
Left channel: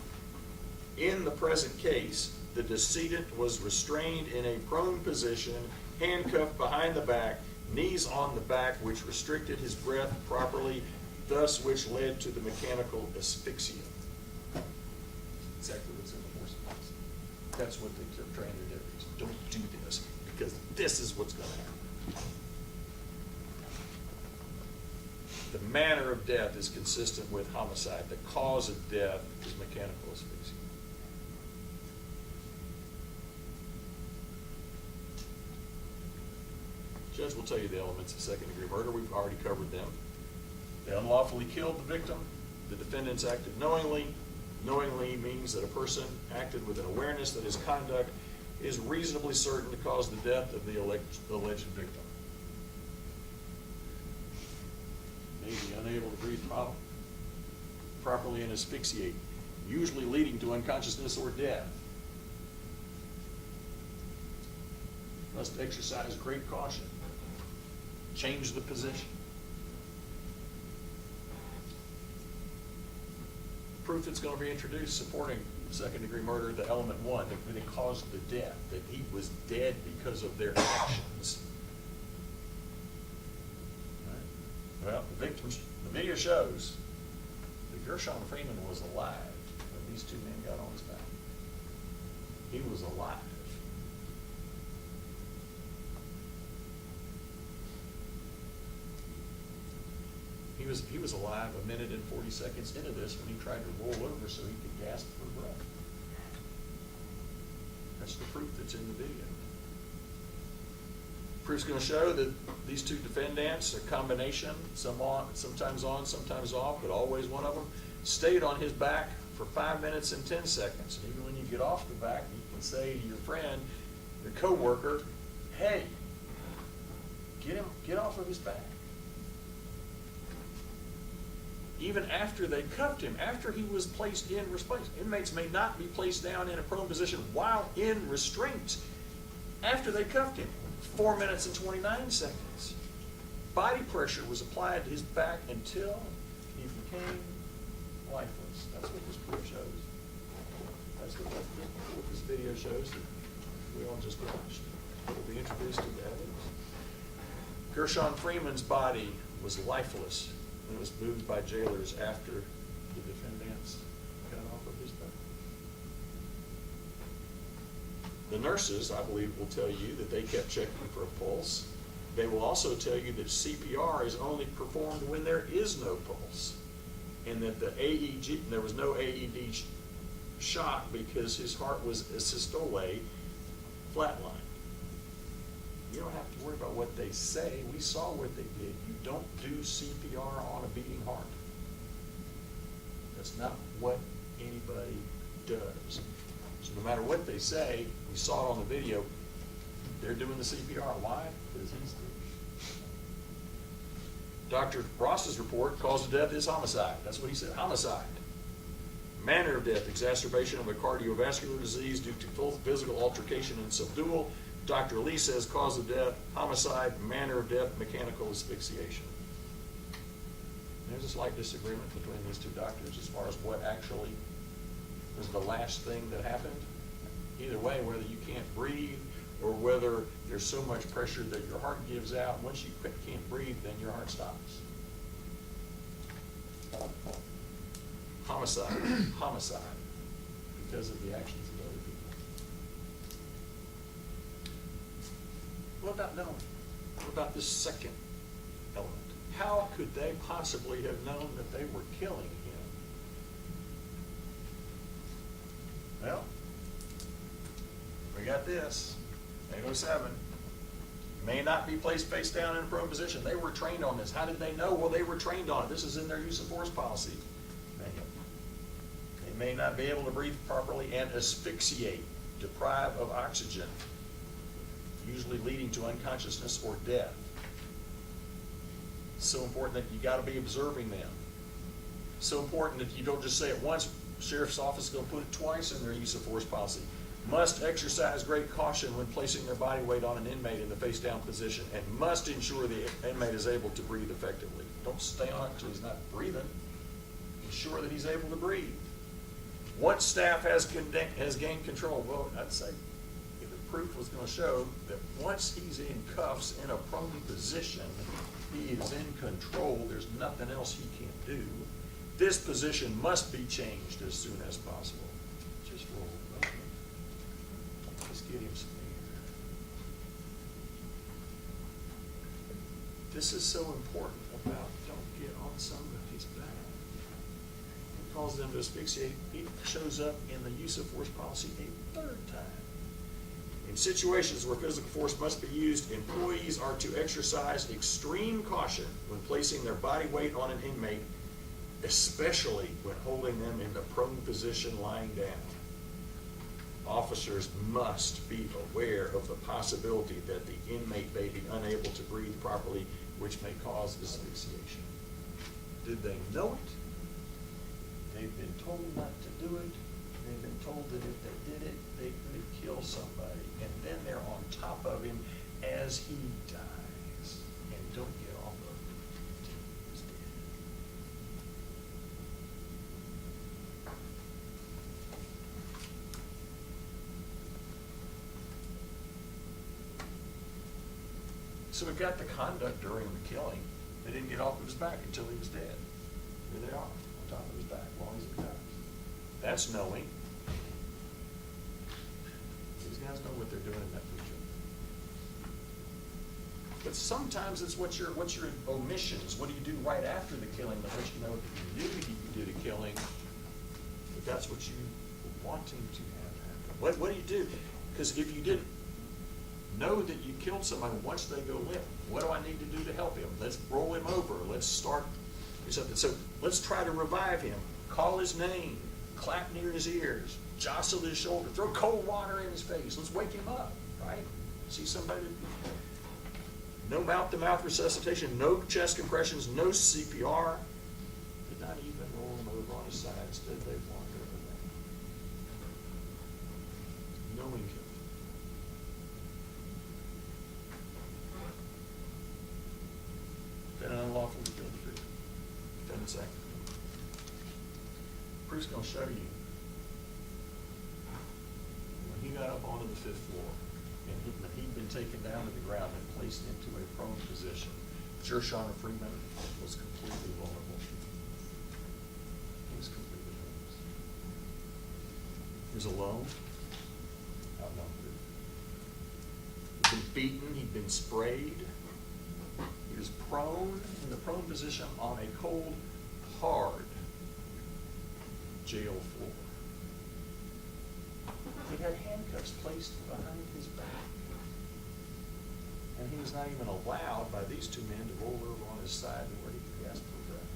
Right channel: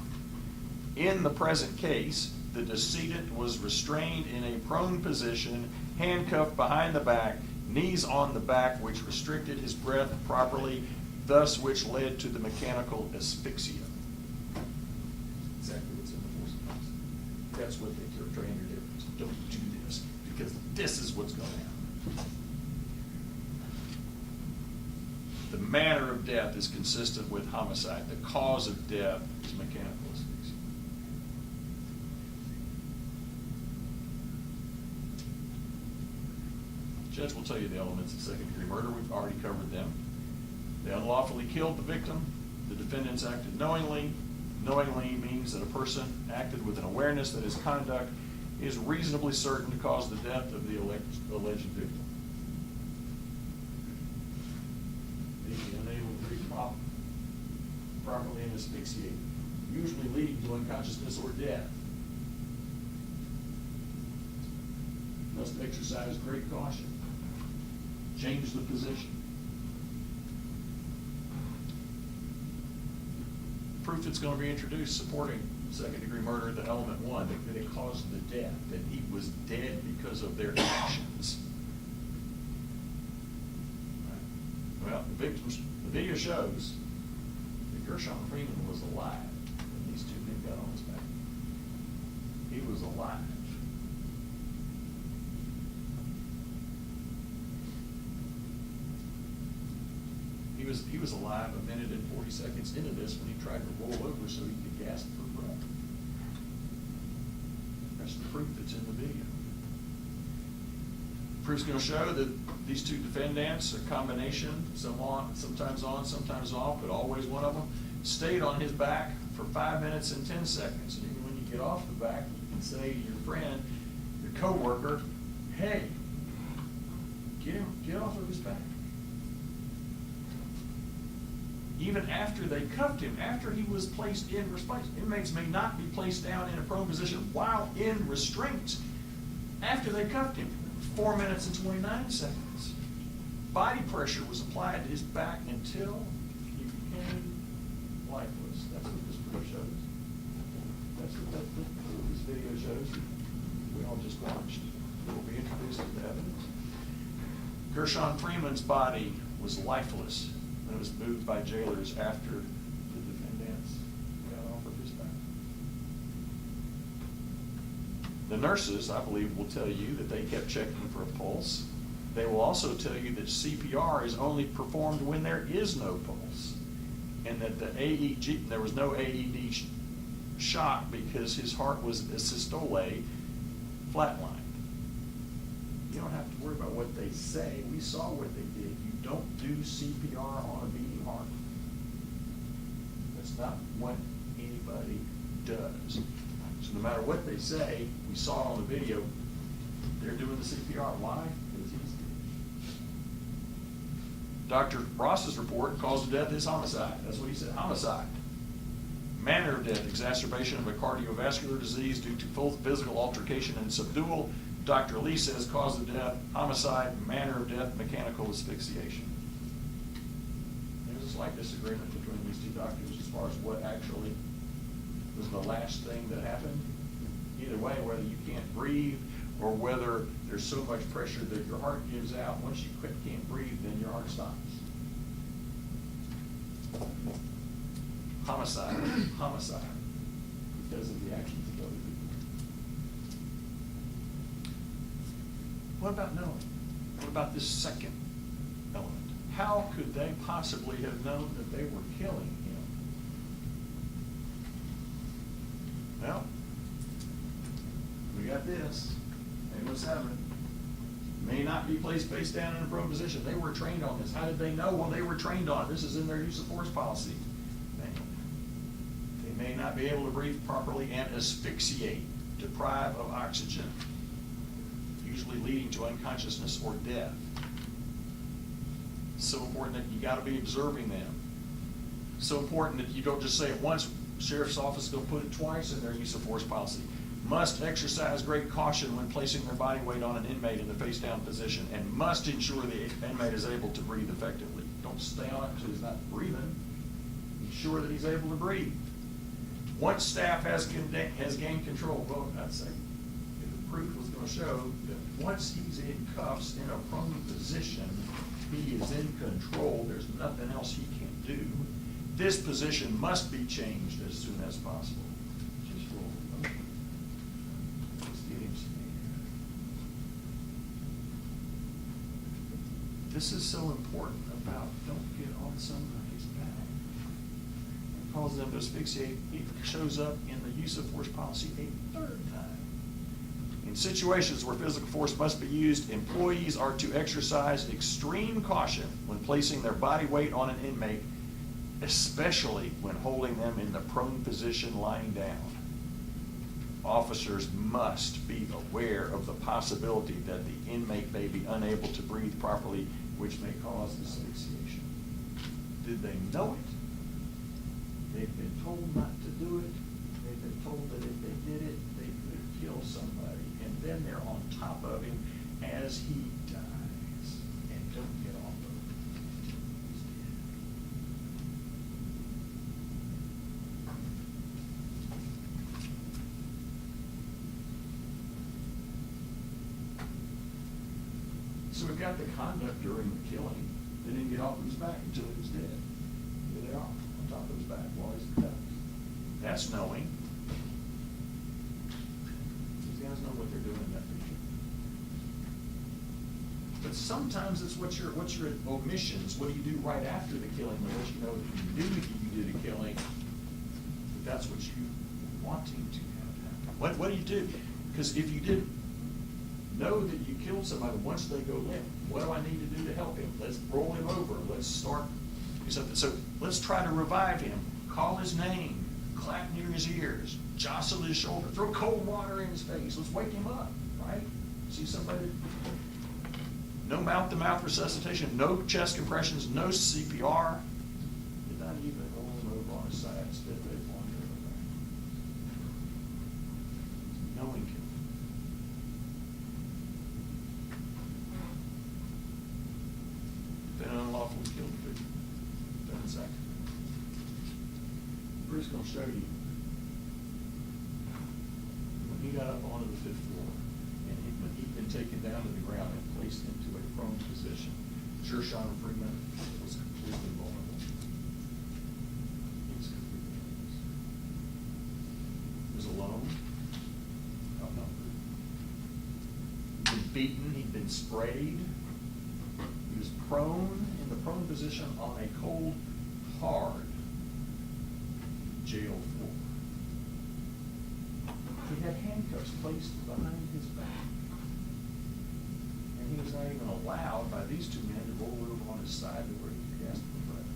In the present case, the decedent was restrained in a prone position, handcuffed behind the back, knees on the back, which restricted his breath properly, thus which led to the mechanical asphyxia. Exactly what's in the force policy. That's what they train their deputies. Don't do this, because this is what's going to happen. The manner of death is consistent with homicide. The cause of death is mechanical asphyxia. Judge will tell you the elements of second-degree murder. We've already covered them. They unlawfully killed the victim. The defendants acted knowingly. Knowingly means that a person acted with an awareness that his conduct is reasonably certain to cause the death of the alleged victim. May be unable to breathe properly and asphyxiate, usually leading to unconsciousness or death. Must exercise great caution. Change the position. Proof that's going to be introduced supporting second-degree murder, the element 1, that it caused the death, that he was dead because of their actions. Right. Well, the video shows that Gershun Freeman was alive when these 2 men got on his back. He was alive. He was alive a minute and 40 seconds into this when he tried to roll over so he could gasp for breath. That's the proof that's in the video. Proof's going to show that these 2 defendants, a combination, sometimes on, sometimes off, but always one of them, stayed on his back for 5 minutes and 10 seconds. And even when you get off the back, you can say to your friend, your coworker, hey, get off of his back. Even after they cuffed him, after he was placed in restraint. Inmates may not be placed down in a prone position while in restraint. After they cuffed him, 4 minutes and 29 seconds. Body pressure was applied to his back until he became lifeless. That's what this proof shows. That's what this video shows. We all just watched. We'll be introduced to the evidence. Gershun Freeman's body was lifeless. It was moved by jailers after the defendants got off of his back. The nurses, I believe, will tell you that they kept checking for a pulse. They will also tell you that CPR is only performed when there is no pulse, and that the AED, there was no AED shock because his heart was systole flatlined. You don't have to worry about what they say. We saw what they did. You don't do CPR on a beating heart. It's not what anybody does. So no matter what they say, we saw it on the video, they're doing the CPR. Why? Because he's dead. Dr. Ross's report, cause of death is homicide. That's what he said, homicide. Manner of death, exacerbation of a cardiovascular disease due to full physical altercation and subdual. Dr. Lee says cause of death, homicide, manner of death, mechanical asphyxiation. There's a slight disagreement between these two doctors as far as what actually was the last thing that happened. Either way, whether you can't breathe or whether there's so much pressure that your heart gives out. Once you can't breathe, then your heart stops. Homicide, homicide, because of the actions of other people. What about knowing? What about this second element? How could they possibly have known that they were killing him? Well, we got this, 807. May not be placed face down in a prone position. They were trained on this. How did they know? Well, they were trained on it. This is in their use of force policy. They may not be able to breathe properly and asphyxiate, deprive of oxygen, usually leading to unconsciousness or death. It's so important that you got to be observing them. So important that you don't just say it once. Sheriff's office is going to put it twice in their use of force policy. Must exercise great caution when placing their body weight on an inmate in the face down position, and must ensure the inmate is able to breathe effectively. Don't stay on it until he's not breathing. Ensure that he's able to breathe. Once staff has gained control, well, I'd say if the proof was going to show that once he's in cuffs in a prone position, he is in control, there's nothing else he can do. This position must be changed as soon as possible. Just roll over. Let's get him some air. This is so important about don't get on somebody's back. Cause them to asphyxiate. It shows up in the use of force policy a third time. In situations where physical force must be used, employees are to exercise extreme caution when placing their body weight on an inmate, especially when holding them in the prone position lying down. Officers must be aware of the possibility that the inmate may be unable to breathe properly, which may cause asphyxiation. Did they know it? They've been told not to do it. They've been told that if they did it, they could kill somebody. And then they're on top of him as he dies. And don't get off of him. He's dead. So we've got the conduct during the killing. They didn't get off of his back until he was dead. Here they are, on top of his back while he's died. That's knowing. These guys know what they're doing in that picture. But sometimes it's what's your omissions. What do you do right after the killing that lets you know that you did a killing? But that's what you were wanting to have happen. What do you do? Because if you didn't know that you killed somebody once they go limp, what do I need to do to help him? Let's roll him over. Let's start something. So let's try to revive him. Call his name. Clap near his ears. Jostle his shoulder. Throw cold water in his face. Let's wake him up, right? See somebody. No mouth-to-mouth resuscitation. No chest compressions. No CPR. Did not even roll him over on his side. Instead, they wandered away. Knowing him. Been unlawful to kill the victim. Done in second. Bruce going to show you when he got up onto the 5th floor and when he'd been taken down to the ground and placed into a prone position. Gershun Freeman was completely vulnerable. He was completely helpless. He was alone, outnumbered. He'd been beaten, he'd been sprayed. He was prone, in the prone position on a cold, hard jail floor. He had handcuffs placed behind his back. And he was not even allowed by these two men to roll over on his side to where he could gasp for breath.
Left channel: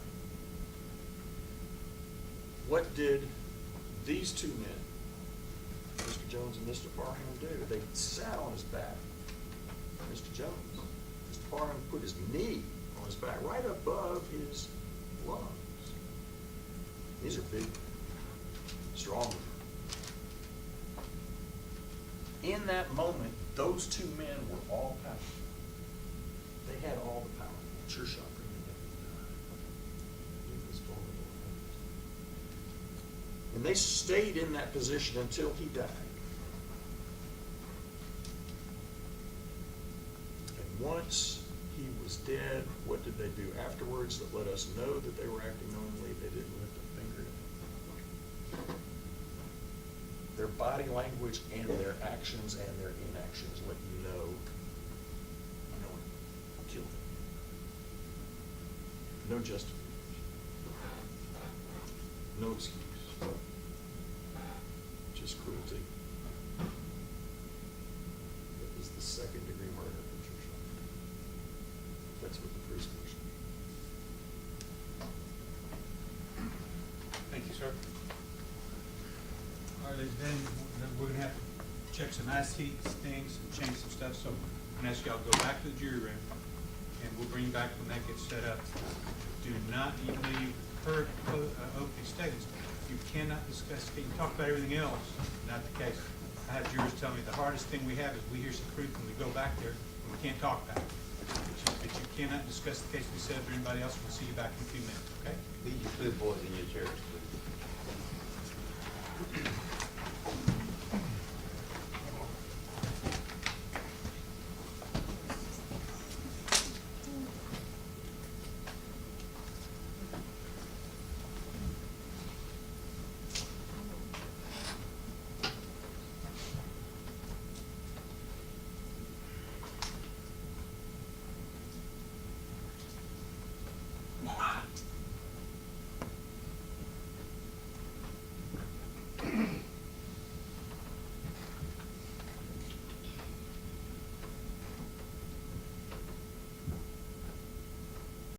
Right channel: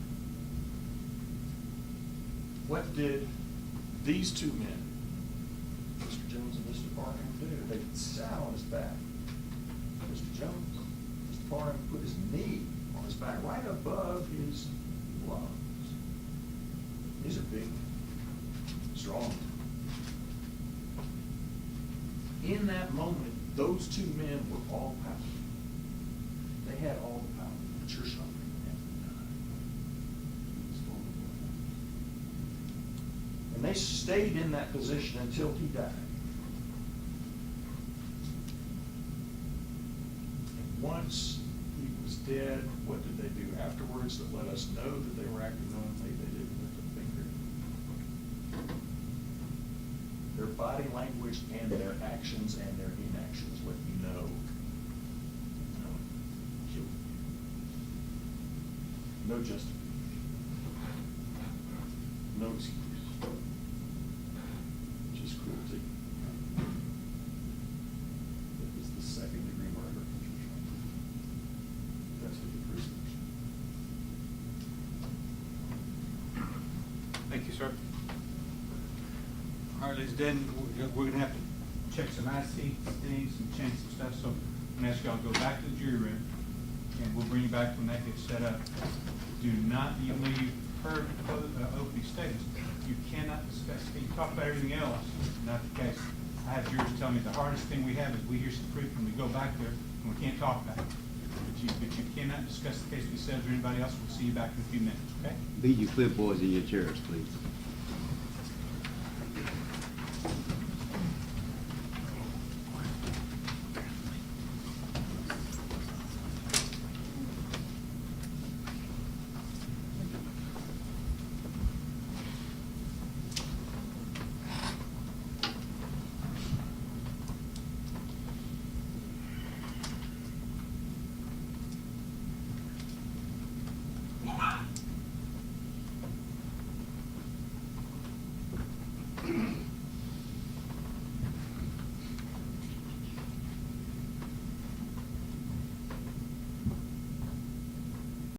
What did these two men, Mr. Jones and Mr. Parham, do? They sat on his back. Mr. Jones, Mr. Parham put his knee on his back, right above his lungs. These are big, strong. In that moment, those two men were all powerful. They had all the power. Gershun Freeman had he was full of blood. And they stayed in that position until he died. And once he was dead, what did they do afterwards that let us know that they were acting knowingly? They didn't lift a finger. Their body language and their actions and their inactions let you know killed him. No justification. No excuse. Just cruelty. It was the second-degree murder of Gershun. That's what the prisoners. Thank you, sir. All right, ladies and gentlemen, we're gonna have to check some IC things and change some stuff, so I'm gonna ask y'all to go back to the jury room, and we'll bring you back when that gets set up. Do not, even though you've heard opening statements, you cannot discuss, you talk about everything else, not the case. I have jurors tell me the hardest thing we have is we hear some proof and we go back there and we can't talk about it. But you cannot discuss the case with yourselves or anybody else. We'll see you back in a few minutes, okay? Leave your clipboards in your chairs, please.